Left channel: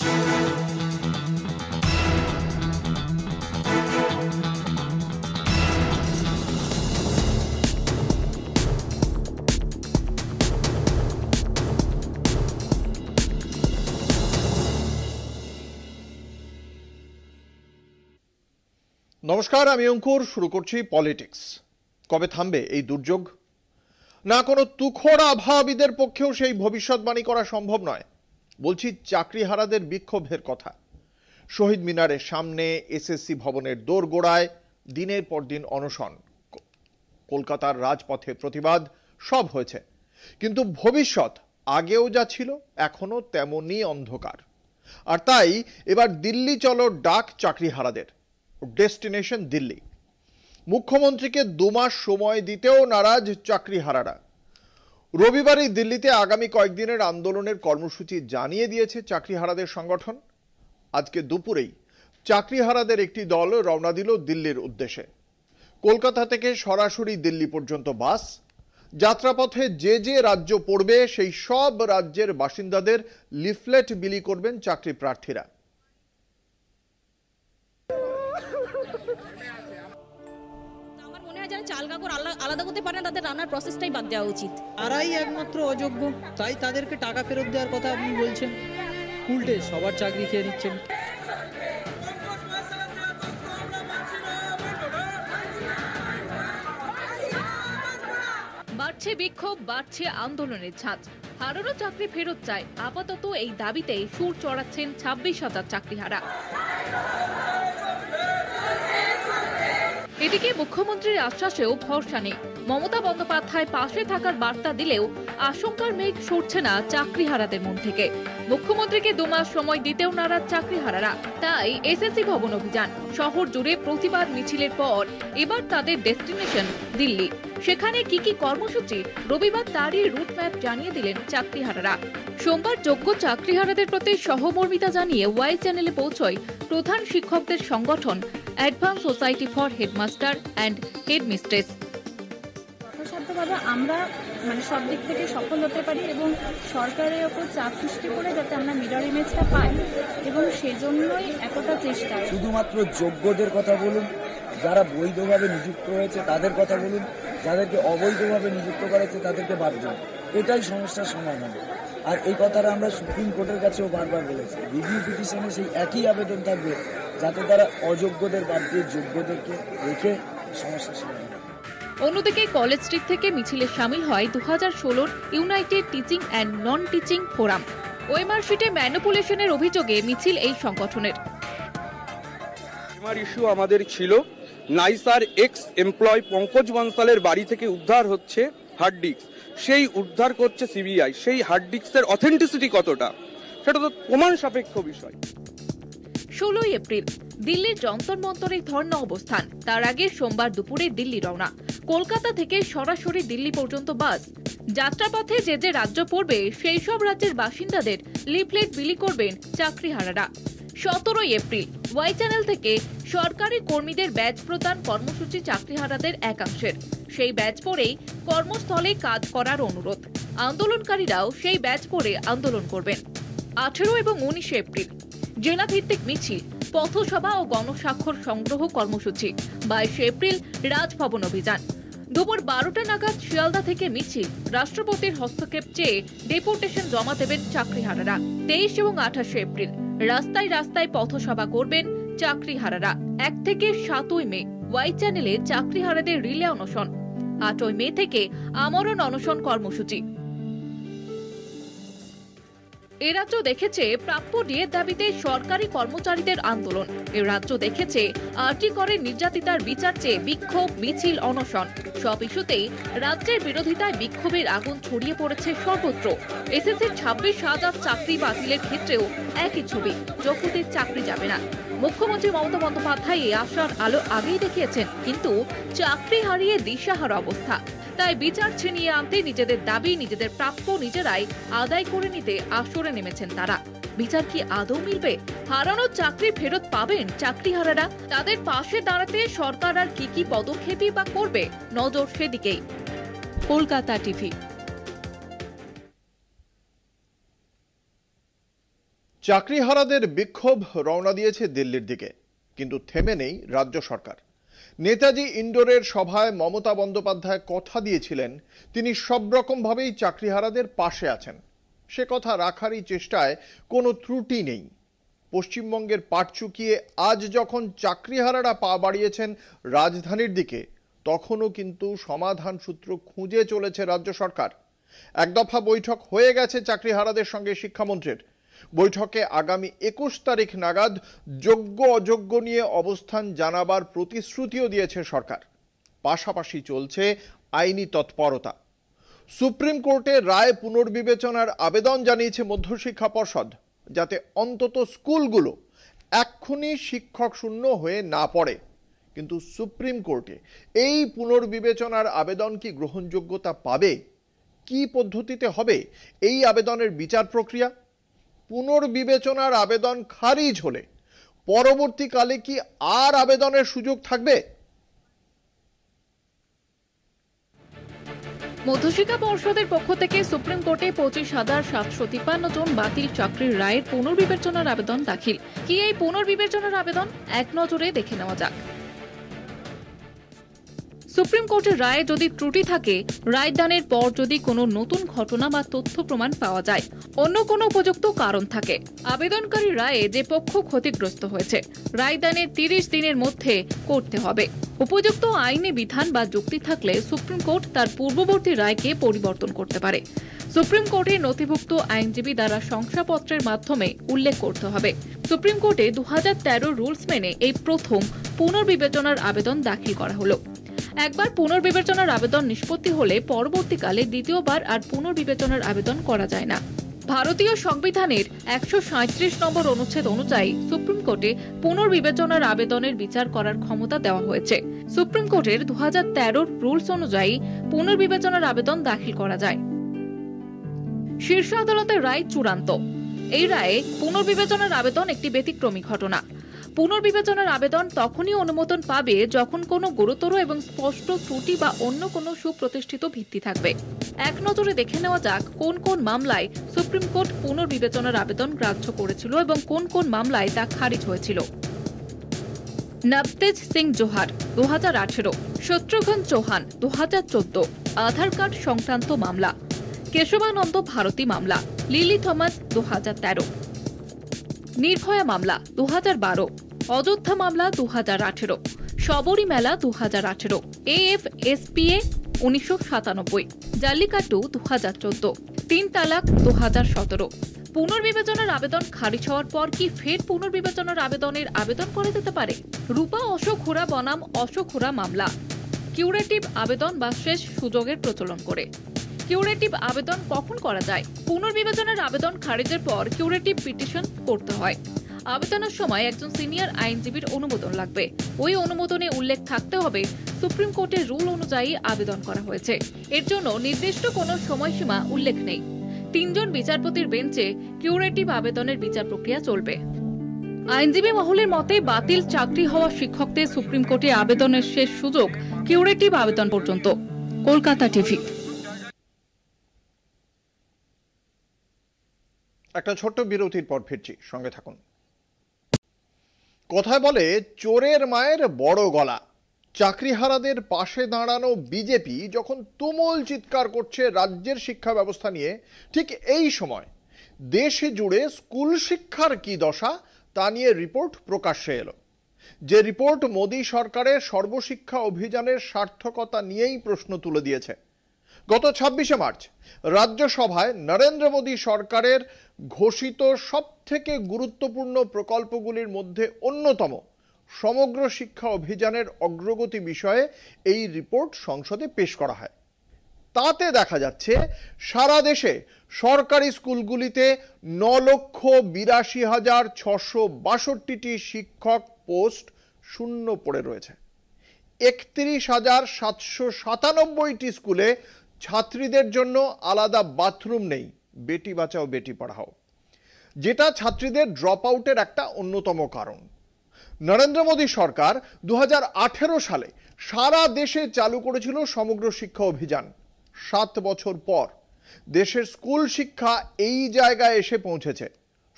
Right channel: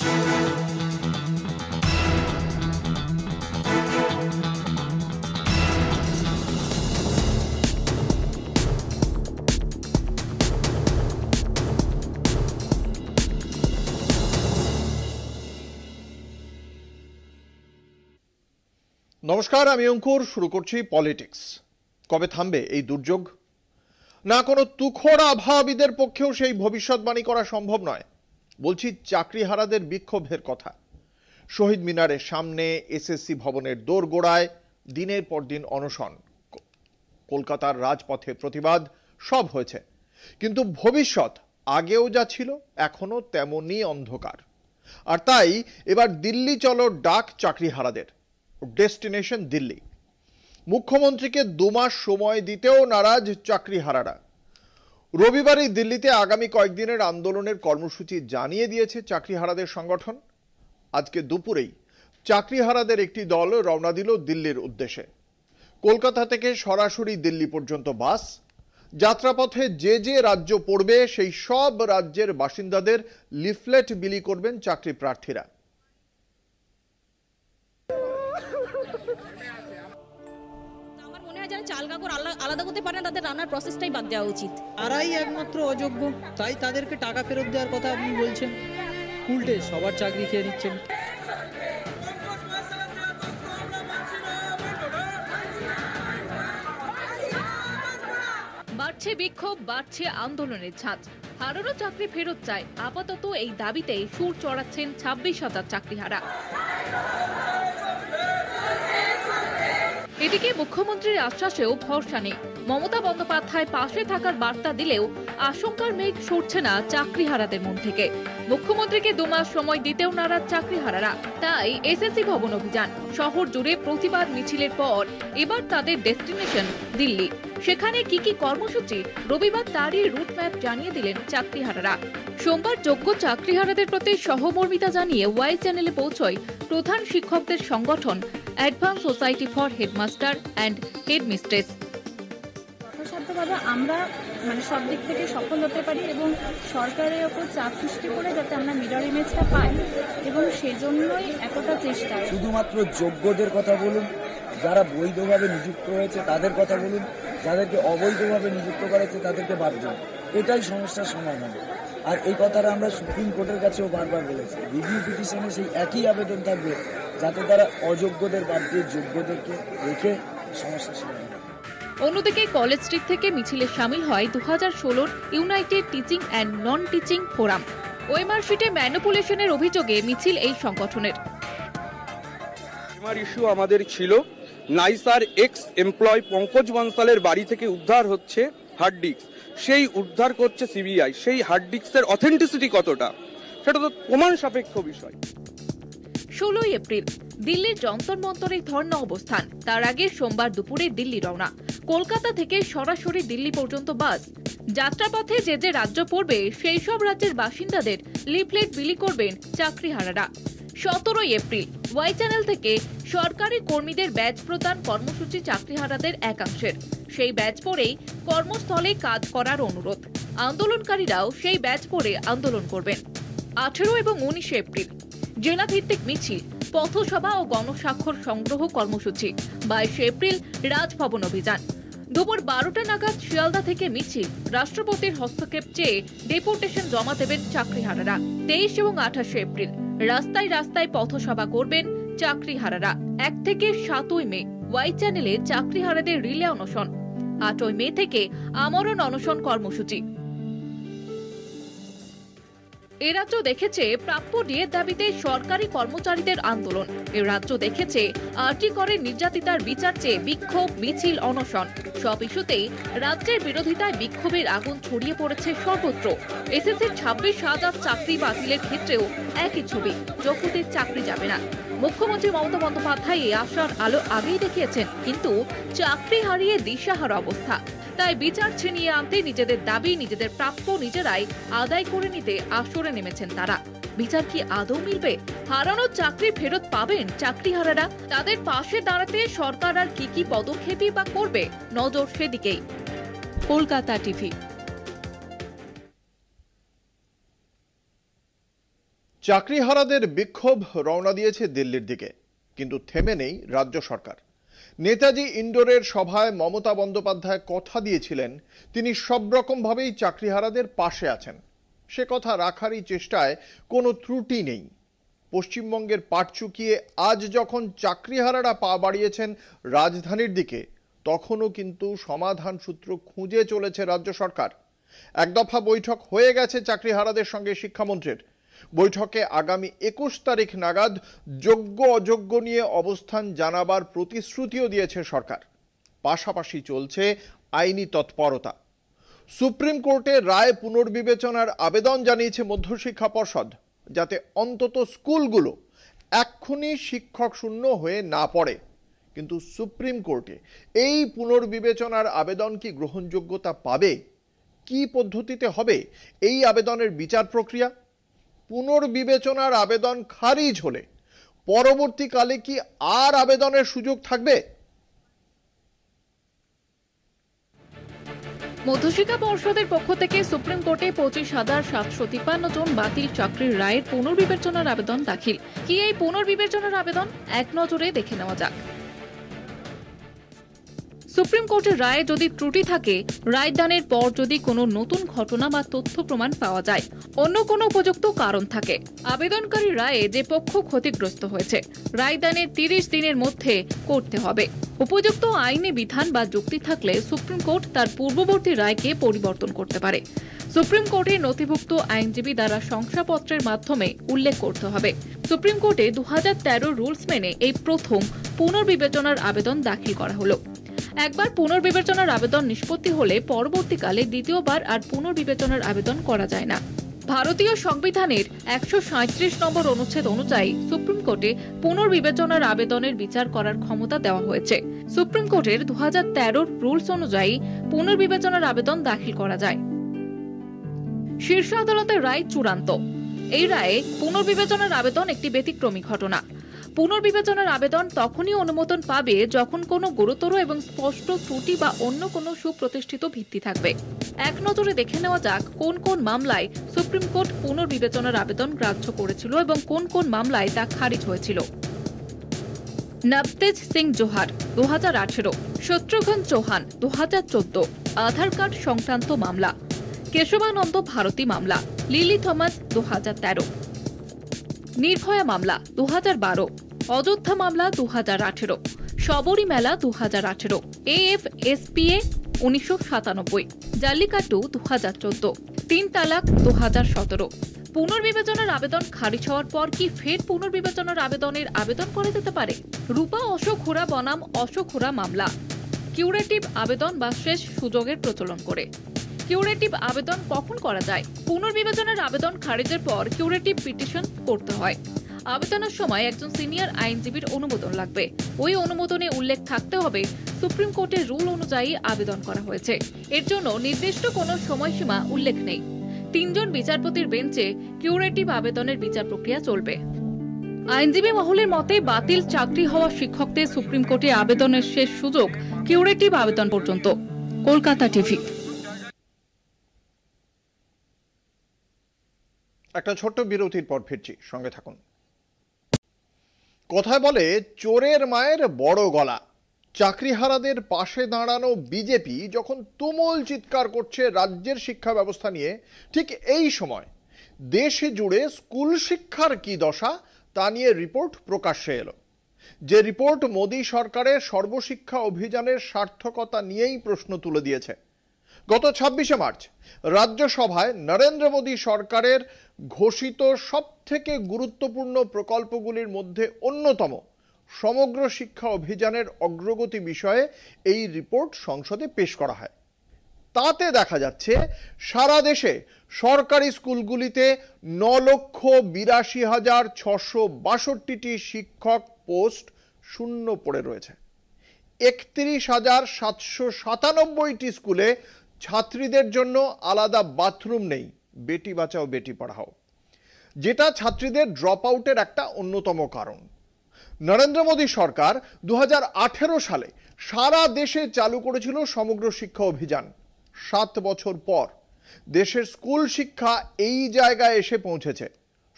নমস্কার, আমি অঙ্কুর। শুরু করছি পলিটিক্স। কবে থামবে এই দুর্যোগ? না কোনো তুখোড় আবহাওয়াবিদের পক্ষেও সেই ভবিষ্যৎবাণী করা সম্ভব নয়। বলছি চাকরিহারাদের বিক্ষোভের কথা। শহীদ মিনারের সামনে, এসএসসি ভবনের দোরগোড়ায় দিনের পর দিন অনশন, কলকাতার রাজপথে প্রতিবাদ, সব হয়েছে। কিন্তু ভবিষ্যৎ আগেও যা ছিল এখনো তেমনই অন্ধকার। আর তাই এবার দিল্লি চলো ডাক চাকরিহারাদের। ডেস্টিনেশন দিল্লি। মুখ্যমন্ত্রীকে 2 মাস সময় দিতেও নারাজ চাকরিহারারা। রবিবারই দিল্লিতে আগামী কয়েকদিনের আন্দোলনের কর্মসূচি জানিয়ে দিয়েছে চাকরিহারাদের সংগঠন। আজকে দুপুরেই চাকরিহারাদের একটি দল রওনা দিল দিল্লির উদ্দেশ্যে। কলকাতা থেকে সরাসরি দিল্লি পর্যন্ত বাস। যাত্রাপথে যে যে রাজ্য পড়বে সেই সব রাজ্যের বাসিন্দাদের লিফলেট বিলি করবেন চাকরি প্রার্থীরা। আলাদা করতে পারে না, তাদের রান্নার প্রসেসটাই বাদ দেওয়া উচিত। তারাই একমাত্র অযোগ্য, তাই তাদেরকে টাকা ফেরত দেওয়ার কথা আপনি বলছেন। উল্টে সবার চাকরি খেয়ে নিচ্ছেন। বাড়ছে বিক্ষোভ, বাড়ছে আন্দোলনের ছাঁচ। হারানো চাকরি ফেরত চায়। আপাতত এই দাবিতে সুর চড়াচ্ছেন 26,000 চাকরিহারা। এদিকে মুখ্যমন্ত্রীর আশ্বাসেও ভরসা নেই। মমতা বন্দ্যোপাধ্যায় পাশে থাকার বার্তা দিলেও আশঙ্কার মেঘ সরছে না চাকরিহারাদের মন থেকে। মুখ্যমন্ত্রীকে 2 মাস সময় দিতেও নারাজ চাকরিহারারা। তাই এসএসসি ভবন অভিযান। শহর জুড়ে প্রতিবাদ মিছিলের পর এবার তাদের ডেস্টিনেশন দিল্লি। সেখানে কি কি কর্মসূচি, রবিবার তারই রুটম্যাপ জানিয়ে দিলেন চাকরিহারারা। সোমবার যোগ্য চাকরিহারাদের প্রতি সহমর্মিতা জানিয়ে ওয়াই চ্যানেলে পৌঁছয় প্রধান শিক্ষকদের সংগঠন advance society for headmaster and headmistress. যথাসাধ্যভাবে আমরা সব দিক থেকে সফল হতে পারি এবং সরকারের ওপর চাপ সৃষ্টি করে যাতে আমরা মিরর ইমেজটা পাই, এবং সেজন্যই এতটা চেষ্টা। শুধুমাত্র যোগ্যদের কথা বলুন, যারা বৈধভাবে নিযুক্ত হয়েছে তাদের কথা বলুন, যাদেরকে অবৈধভাবে নিযুক্ত করেছে তাদেরকে বাদ দিন। এটাই সমস্যার সমাধান। আর এই কথাটা আমরা সুপ্রিম কোর্টের কাছেও বারবার বলেছি। রিভিউ পিটিশনে সেই একই আবেদন থাকবে, যাতে তারা অযোগ্যদের বাদ দিয়ে যোগ্যদেরকে রেখে সমস্যার সমাধান। অন্যদিকে কলেজ স্ট্রিট থেকে মিছিলে সামিল হয় 2016 United teaching and non teaching forum. OMR শিটে ম্যানিপুলেশনের অভিযোগে মিছিল এই সংগঠনের। ইস্যু আমাদের ছিল নাইসার এক্স এমপ্লয় পঙ্কজ বনসালের বাড়ি থেকে উদ্ধার হচ্ছে হার্ড ডিস্ক। সেই উদ্ধার করছে সিবিআই। সেই হার্ড ডিস্কের অথেন্টিসিটি কতটা, সেটা তো প্রমাণ সাপেক্ষ বিষয়। 16 এপ্রিল দিল্লির যন্তর মন্তরে ধর্ণা অবস্থান। তার আগে সোমবার দুপুরে দিল্লি রওনা। কলকাতা থেকে সরাসরি দিল্লি পর্যন্ত বাস। যাত্রাপথে যে যে রাজ্য পড়বে সেই সব রাজ্যের বাসিন্দাদের লিফলেট বিলি করবেন চাকরিহারারা। 17 এপ্রিল ওয়াই চ্যানেল থেকে সরকারি কর্মীদের ব্যাজ প্রদান কর্মসূচি চাকরিহারাদের একাংশের। সেই ব্যাজ পরেই কর্মস্থলে কাজ করার অনুরোধ। আন্দোলনকারীরাও সেই ব্যাজ পরে আন্দোলন করবেন। 18 এবং 19 এপ্রিল জেলাভিত্তিক মিছিল, পথসভা ও গণস্বাক্ষর সংগ্রহ কর্মসূচি। 22 এপ্রিল রাজভবন অভিযান। দুপুর 12টা নাগাদ শিয়ালদা থেকে মিছিল। রাষ্ট্রপতির হস্তক্ষেপ চেয়ে ডেপুটেশন জমা দেবেন চাকরিহারারা। 23 এবং 28 এপ্রিল রাস্তায় রাস্তায় পথসভা করবেন চাকরিহারারা। 1 থেকে 7 মে ওয়াই চ্যানেলে চাকরিহারাদের রিলে অনশন। 8 মে থেকে আমরণ অনশন কর্মসূচি। এ রাজ্য দেখেছে প্রাপ্য ডিএর দাবিতে সরকারি কর্মচারীদের আন্দোলন। এ রাজ্য দেখেছে আরটি করে নির্যাতিতার বিচার চেয়ে বিক্ষোভ, মিছিল, অনশন। সব ইস্যুতেই রাজ্যের বিরোধিতায় বিক্ষোভের আগুন ছড়িয়ে পড়েছে সর্বত্র। এসএসসির 26,000 চাকরি বাতিলের ক্ষেত্রেও একই ছবি, যোগ্যদের চাকরি যাবে না। মুখ্যমন্ত্রী মমতা বন্দ্যোপাধ্যায় এই আশার আলো আগেই দেখিয়েছেন, কিন্তু চাকরি হারিয়ে দিশাহারা অবস্থা। তাই বিচার ছিনিয়ে আনতে নিজেদের দাবি, নিজেদের প্রাপ্য নিজেরাই আদায় করে নিতে আসরে নেমেছেন তারা। বিচার কি আদৌ মিলবে? হারানো চাকরি ফেরত পাবেন চাকরিহারারা? তাদের পাশে দাঁড়াতে সরকার আর কি কি পদক্ষেপই বা করবে? নজর সেদিকেই। কলকাতা টিভি। চাকরিহারাদের বিক্ষোভ রওনা দিয়েছে দিল্লির দিকে, কিন্তু থেমে নেই রাজ্য সরকার। নেতাজি ইন্ডোরের সভায় মমতা বন্দ্যোপাধ্যায় কথা দিয়েছিলেন তিনি সব রকম ভাবেই চাকরিহারাদের পাশে আছেন। সে কথা রাখারই চেষ্টায় কোনো ত্রুটি নেই। পশ্চিমবঙ্গের পাট চুকিয়ে আজ যখন চাকরিহারারা পা বাড়িয়েছেন রাজধানীর দিকে, তখনও কিন্তু সমাধান সূত্র খুঁজে চলেছে রাজ্য সরকার। এক দফা বৈঠক হয়ে গেছে চাকরিহারাদের সঙ্গে শিক্ষামন্ত্রীর। বৈঠকে আগামী 21 তারিখ নাগাদ যোগ্য অযোগ্য নিয়ে অবস্থান জানাবার প্রতিশ্রুতিও দিয়েছে সরকার। পাশাপাশি চলছে আইনি তৎপরতা। সুপ্রিম কোর্টে রায় পুনর্বিবেচনার আবেদন জানিয়েছে মধ্যশিক্ষা পর্ষদ, যাতে অন্তত স্কুলগুলো এক্ষুনি শিক্ষক শূন্য হয়ে না পড়ে। কিন্তু সুপ্রিম কোর্টে এই পুনর্বিবেচনার আবেদন কি গ্রহণযোগ্যতা পাবে? কি পদ্ধতিতে হবে এই আবেদনের বিচার প্রক্রিয়া? পুনর্বিবেচনার আবেদন খারিজ হলে পরবর্তীকালে কি আর আবেদনের সুযোগ থাকবে? মধ্যশিক্ষা পর্ষদের পক্ষ থেকে সুপ্রিম কোর্টে 25,753 জন বাতিল চাকরির রায়ের পুনর্বিবেচনার আবেদন দাখিল। কি এই পুনর্বিবেচনার আবেদন? এক নজরে দেখে নেওয়া যাক। সুপ্রিম কোর্টের রায়ে যদি ত্রুটি থাকে, রায়দানের পর যদি কোনো নতুন ঘটনা বা তথ্য প্রমাণ পাওয়া যায়, অন্য কোনো উপযুক্ত কারণ থাকে, আবেদনকারী রায়ে যে পক্ষ ক্ষতিগ্রস্ত হয়েছে, রায়দানের 30 দিনের মধ্যে করতে হবে। উপযুক্ত আইনি বিধান বা যুক্তি থাকলে সুপ্রিম কোর্ট তার পূর্ববর্তী রায়কে পরিবর্তন করতে পারে। সুপ্রিম কোর্টের নথিভুক্ত আইনজীবী দ্বারা শংসাপত্রের মাধ্যমে উল্লেখ করতে হবে। সুপ্রিম কোর্টে 2013 রুলস মেনে এই প্রথম পুনর্বিবেচনার আবেদন দাখিল করা হলো। একবার পুনর্বিবেচনার আবেদন নিষ্পত্তি হলে পরবর্তীকালে দ্বিতীয়বার আর পুনর্বিবেচনার আবেদন করা যায় না। ভারতীয় সংবিধানের 137 নম্বর অনুচ্ছেদ অনুযায়ী সুপ্রিম কোর্টে পুনর্বিবেচনার আবেদনের বিচার করার ক্ষমতা দেওয়া হয়েছে। সুপ্রিম কোর্টের 2013 রুলস অনুযায়ী পুনর্বিবেচনার আবেদন দাখিল করা যায়। শীর্ষ আদালতের রায় চূড়ান্ত। এই রায়ে পুনর্বিবেচনার আবেদন একটি ব্যতিক্রমী ঘটনা। পুনর্বিবেচনার আবেদন তখনই অনুমোদন পাবে যখন কোনো গুরুতর এবং স্পষ্ট ত্রুটি বা অন্য কোনো সুপ্রতিষ্ঠিত ভিত্তি থাকবে। এক নজরে দেখে নেওয়া যাক কোন কোন মামলায় সুপ্রিম কোর্ট পুনর্বিবেচনার আবেদন গ্রাহ্য করেছিল এবং কোন কোন মামলায় তা খারিজ হয়েছিল। নবতেজ সিং জোহার 2018, শত্রুঘ্ন চৌহান 2014 আধার কার্ড সংক্রান্ত মামলা, কেশবানন্দ ভারতী মামলা, লিলি থমাস 2013, নির্ভয়া মামলা 2012, অযোধ্যা মামলা 2018, শবরী মেলা 2018, AFSPA 1997, জাল্লিকাট্টু 2014, 3 তালাক 2017। পুনর্বিবেচনার আবেদন খারিজ হওয়ার পর কি ফের পুনর্বিবেচনার আবেদনের আবেদন করা যেতে পারে? রূপা অশোক হুরা বনাম অশোক হুরা মামলা, কিউরেটিভ আবেদন বা শেষ সুযোগের প্রচলন করে। কিউরেটিভ আবেদন কখন করা যায়? পুনর্বিবেচনার আবেদন খারিজের পর কিউরেটিভ পিটিশন করতে হয়। আবেদনের সময় একজন সিনিয়র আইনজীবীর অনুমোদন লাগবে। ওই অনুমোদনে উল্লেখ থাকতে হবে সুপ্রিম কোর্টের রুল অনুযায়ী আবেদন করা হয়েছে। এর জন্য নির্দিষ্ট কোনো সময়সীমা উল্লেখ নেই। 3 জন বিচারপতির বেঞ্চে কিউরেটিভ আবেদনের বিচার প্রক্রিয়া চলবে। আইনজীবী মহলের মতে বাতিল চাকরি হওয়া শিক্ষকদের সুপ্রিম কোর্টে আবেদনের শেষ সুযোগ কিউরেটিভ আবেদন পর্যন্ত। কলকাতা টিভি। একটা ছোট্ট বিরতির পর ফিরছি, সঙ্গে থাকুন। কথায় বলে চোরের মায়ের বড় গলা। চাকরিহারাদের পাশে দাঁড়ানো বিজেপি যখন তুমুল চিৎকার করছে রাজ্যের শিক্ষা ব্যবস্থা নিয়ে, ঠিক এই সময় দেশে জুড়ে স্কুল শিক্ষার কি দশা তা নিয়ে রিপোর্ট প্রকাশ্যে এলো। যে রিপোর্ট মোদী সরকারের সর্বশিক্ষা অভিযানের সার্থকতা নিয়েই প্রশ্ন তুলে দিয়েছে। গত 26শে মার্চ রাজ্যসভায় নরেন্দ্র মোদী সরকারের ঘোষিত সবথেকে গুরুত্বপূর্ণ প্রকল্পগুলির মধ্যে অন্যতম সমগ্র শিক্ষা অভিযানের অগ্রগতি বিষয়ে এই রিপোর্ট সংসদে পেশ করা হয়। তাতে দেখা যাচ্ছে সারা দেশে সরকারি স্কুলগুলিতে 9,82,662টি শিক্ষক পোস্ট শূন্য পড়ে রয়েছে। 31,797টি স্কুলে ছাত্রীদের জন্য আলাদা বাথরুম নেই। বেটি বাঁচাও বেটি পড়াও, যেটা ছাত্রীদের ড্রপ আউটের একটা অন্যতম কারণ। নরেন্দ্র মোদী সরকার 2018 সালে সারা দেশে চালু করেছিল সমগ্র শিক্ষা অভিযান। 7 বছর পর দেশের স্কুল শিক্ষা এই জায়গায় এসে পৌঁছেছে।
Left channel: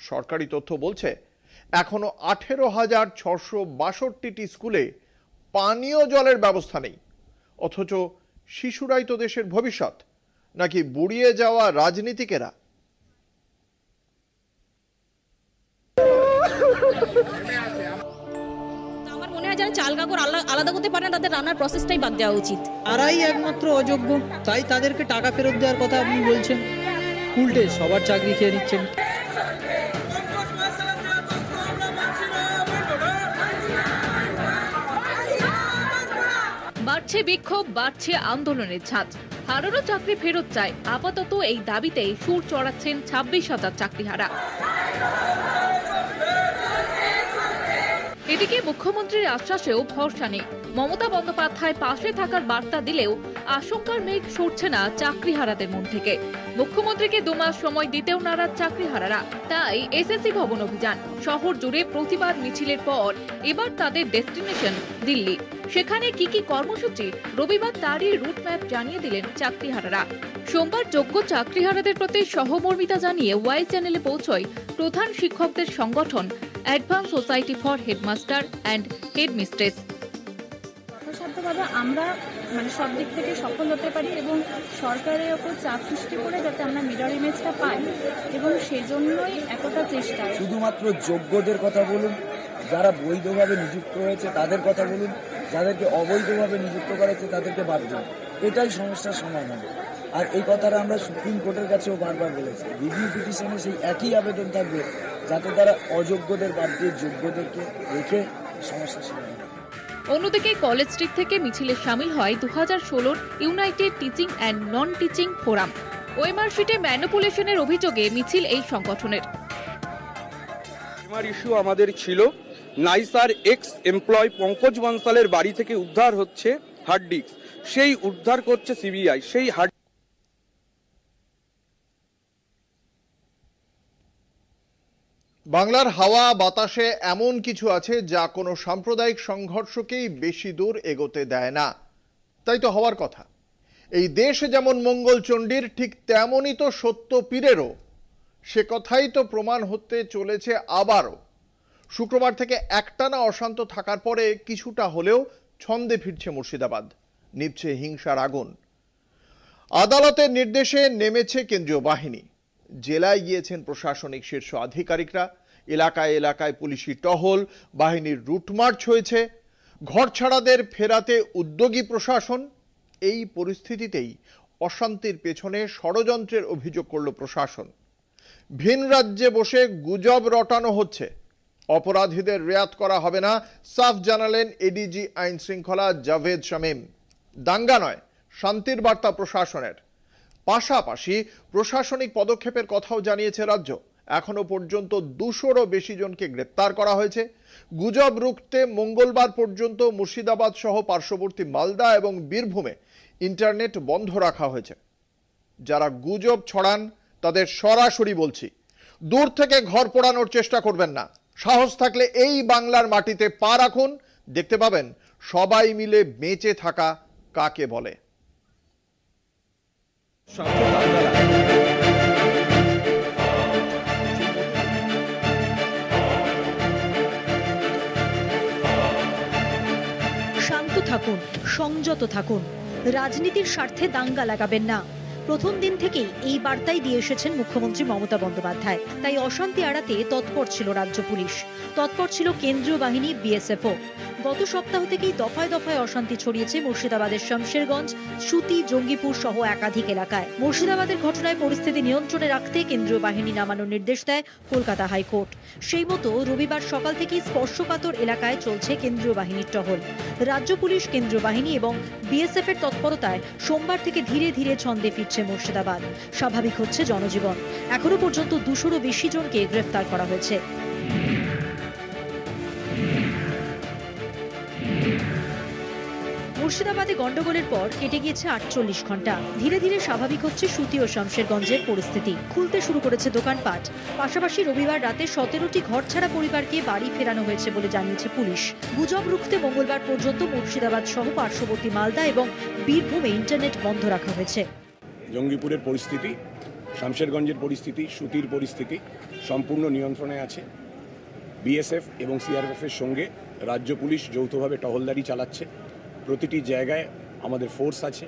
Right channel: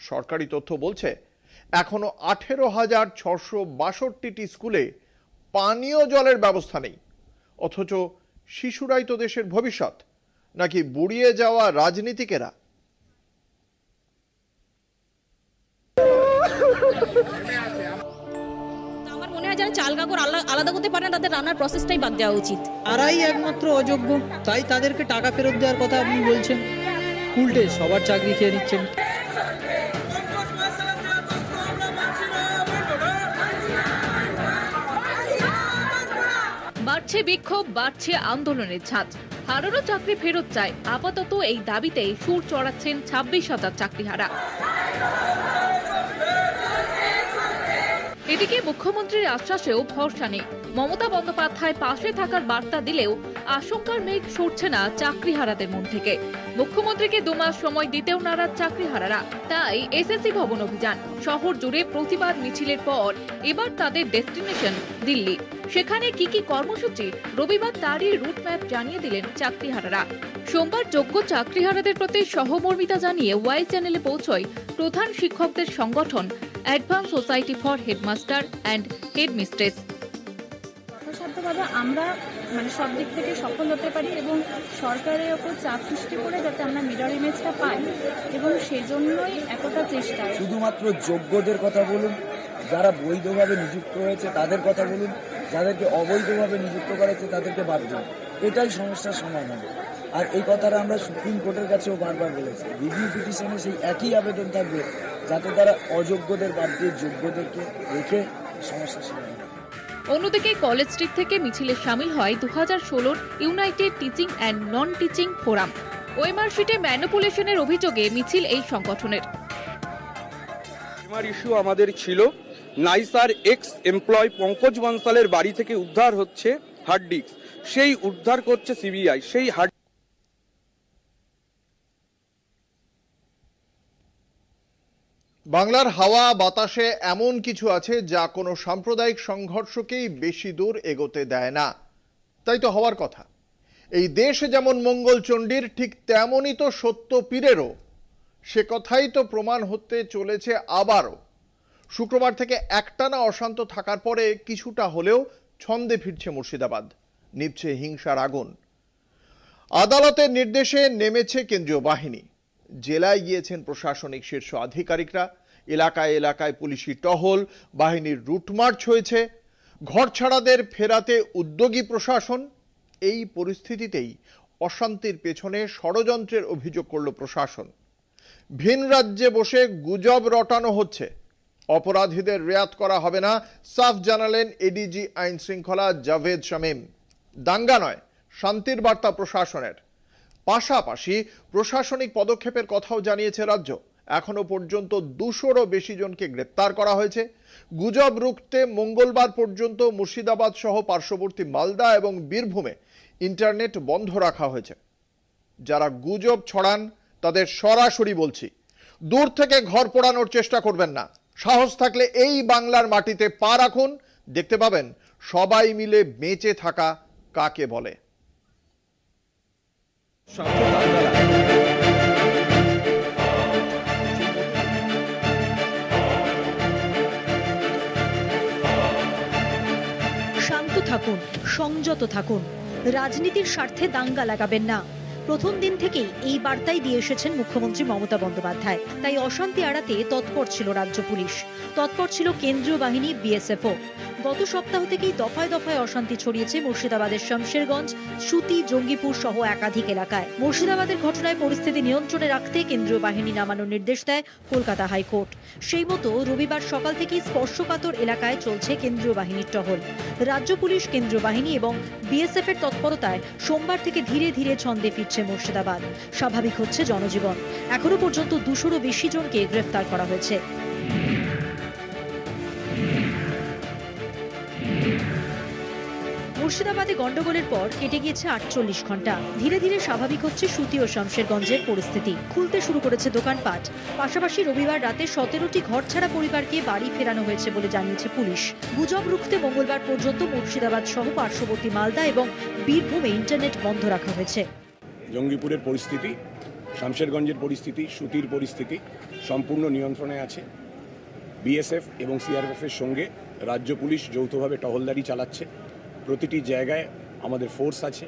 সরকারি তথ্য বলছে এখনো 18,662টি স্কুলে পানীয় জলের ব্যবস্থা নেই। অথচ শিশুরাই তো দেশের ভবিষ্যৎ, নাকি বুড়িয়ে যাওয়া রাজনীতিকেরা? আমার মনে হয় যারা চাল কাপড় আলাদা করতে পারে না তাদের রান্নার প্রসেসটাই বাদ দেওয়া উচিত। তারাই একমাত্র অযোগ্য, তাই তাদেরকে টাকা ফেরত দেওয়ার কথা আপনি বলছেন। উল্টে সবার চাকরি খেয়ে নিচ্ছেন। বাড়ছে বিক্ষোভ, বাড়ছে আন্দোলনের ছাদ। হারানো চাকরি ফেরত চায়। আপাতত এই দাবিতে সুর চড়াচ্ছেন 26,000 চাকরিহারা। এদিকে মুখ্যমন্ত্রীর আশ্বাসেও ভরসা নেই। মমতা বন্দ্যোপাধ্যায় পাশে থাকার বার্তা দিলেও আশঙ্কার মেঘ সরছে না চাকরিহারাদের মন থেকে। মুখ্যমন্ত্রীকে 2 মাস সময় দিতেও নারাজ চাকরিহারারা। তাই এসএসসি ভবন অভিযান, শহর জুড়ে প্রতিবাদ মিছিলের পর এবার তাদের ডেস্টিনেশন দিল্লি। সেখানে কি কি কর্মসূচি, রবিবার তারই রুটম্যাপ জানিয়ে দিলেন চাকরিহারারা। সোমবার যোগ্য চাকরিহারাদের প্রতি সহমর্মিতা জানিয়ে ওয়াই চ্যানেলে পৌঁছয় প্রধান শিক্ষকদের সংগঠন advance society for headmaster and headmistress. যথাসাধ্যভাবে আমরা সব দিক থেকে সফল হতে পারি এবং সরকারের ওপর চাপ সৃষ্টি করে যাতে আমরা মিরর ইমেজটা পাই, এবং সেজন্যই এতটা চেষ্টা। শুধুমাত্র যোগ্যদের কথা বলুন, যারা বৈধভাবে নিযুক্ত হয়েছে তাদের কথা বলুন, যাদেরকে অবৈধভাবে নিযুক্ত করেছে তাদেরকে বাদ দিন। এটাই সমস্যার সমাধান। আর এই কথাটা আমরা সুপ্রিম কোর্টের কাছেও বারবার বলেছি। রিভিউ পিটিশনে সেই একই আবেদন থাকবে, যাতে তারা অযোগ্যদের বাদ দিয়ে যোগ্যদেরকে রেখে সমস্যার সমাধান। অন্যদিকে কলেজ স্ট্রিট থেকে মিছিলে শামিল হয় 2016 United teaching and non teaching forum. OMR শিটে ম্যানিপুলেশনের অভিযোগে মিছিল এই সংগঠনের। ইস্যু আমাদের ছিল নাইসার এক্স এমপ্লয় পঙ্কজ বনসালের বাড়ি থেকে উদ্ধার হচ্ছে হার্ড ডিস্ক, সেই উদ্ধার করছে সিবিআই। সেই হার্ড বাংলার হাওয়া বাতাসে এমন কিছু আছে যা কোনো সাম্প্রদায়িক সংঘর্ষকেই বেশি দূর এগোতে দেয় না। তাই তো হওয়ার কথা। এই দেশ যেমন মঙ্গলচণ্ডীর, ঠিক তেমনই তো সত্য পীরেরও। সে কথাই তো প্রমাণ হতে চলেছে আবারও। শুক্রবার থেকে একটানা অশান্ত থাকার পরে কিছুটা হলেও ছন্দে ফিরছে মুর্শিদাবাদ, নিভছে হিংসার আগুন। আদালতের নির্দেশে নেমেছে কেন্দ্রীয় বাহিনী। জেলায় গিয়েছেন প্রশাসনিক শীর্ষ আধিকারিকরা। এলাকায় এলাকায় পুলিশি টহল, বাহিনীর রুটমার্চ হয়েছে। ঘরছাড়াদের ফেরাতে উদ্যোগী প্রশাসন। এই পরিস্থিতিতেই অশান্তির পেছনে ষড়যন্ত্রের অভিযোগ করল প্রশাসন। ভিন রাজ্যে বসে গুজব রটানো হচ্ছে, অপরাধীদের রেয়াত করা হবে না, সাফ জানালেন এডিজি আইন শৃঙ্খলা জাভেদ শামীম। দাঙ্গা নয়, শান্তির বার্তা প্রশাসনের। পাশাপাশি প্রশাসনিক পদক্ষেপের কথাও জানিয়েছে রাজ্য। এখনো পর্যন্ত 200-রও বেশি জনকে গ্রেপ্তার করা হয়েছে। গুজব রুখতে মঙ্গলবার পর্যন্ত মুর্শিদাবাদ সহ পার্শ্ববর্তী মালদা এবং বীরভূমে ইন্টারনেট বন্ধ রাখা হয়েছে। যারা গুজব ছড়ান তাদের সরাসরি বলছি, দূর থেকে ঘর পোড়ানোর চেষ্টা করবেন না। সাহস থাকলে এই বাংলার মাটিতে পা রাখুন, দেখতে পাবেন সবাই মিলে বেঁচে থাকা কাকে বলে। শান্ত থাকুন, সংযত থাকুন, রাজনীতির স্বার্থে দাঙ্গা লাগাবেন না। প্রথম দিন থেকেই এই বার্তাই দিয়ে এসেছেন মুখ্যমন্ত্রী মমতা বন্দ্যোপাধ্যায়। তাই অশান্তি এড়াতে তৎপর ছিল রাজ্য পুলিশ, তৎপর ছিল কেন্দ্রীয় বাহিনী, বিএসএফও। গত সপ্তাহ থেকেই দফায় দফায় অশান্তি ছড়িয়েছে মুর্শিদাবাদের শমশেরগঞ্জ, সুতি, জঙ্গিপুর সহ একাধিক এলাকায়। মুর্শিদাবাদের ঘটনায় পরিস্থিতি নিয়ন্ত্রণে রাখতে কেন্দ্রীয় বাহিনী নামানোর নির্দেশ দেয় কলকাতা হাইকোর্ট। সেই মতো রবিবার সকাল থেকেই স্পর্শকাতর এলাকায় চলছে কেন্দ্রীয় বাহিনীর টহল। রাজ্য পুলিশ, কেন্দ্রীয় বাহিনী এবং বিএসএফ এর তৎপরতায় সোমবার থেকে ধীরে ধীরে ছন্দে ফিরছে মুর্শিদাবাদ। স্বাভাবিক হচ্ছে জনজীবন। এখনো পর্যন্ত 200-রও বেশি জনকে গ্রেফতার করা হয়েছে। মুর্শিদাবাদে গন্ডগোলের পর কেটে গিয়েছে 48 ঘন্টা। ধীরে ধীরে স্বাভাবিক হচ্ছে সুতি ও শমশেরগঞ্জের পরিস্থিতি। খুলতে শুরু করেছে দোকানপাট। পাশাপাশি রবিবার রাতে 17টি ঘরছাড়া পরিবারকে বাড়ি ফেরানো হয়েছে বলে জানিয়েছে পুলিশ। গুজব রুখতে মঙ্গলবার পর্যন্ত মুর্শিদাবাদ সহ পার্শ্ববর্তী মালদা এবং বীরভূমে ইন্টারনেট বন্ধ রাখা হয়েছে। জঙ্গিপুরের পরিস্থিতি শামশেরগঞ্জের পরিস্থিতি, সুতির পরিস্থিতি সম্পূর্ণ নিয়ন্ত্রণে আছে। বিএসএফ এবং সিআরপিএফ এর সঙ্গে রাজ্য পুলিশ যৌথভাবে টহলদারি চালাচ্ছে। প্রতিটি জায়গায় আমাদের ফোর্স আছে,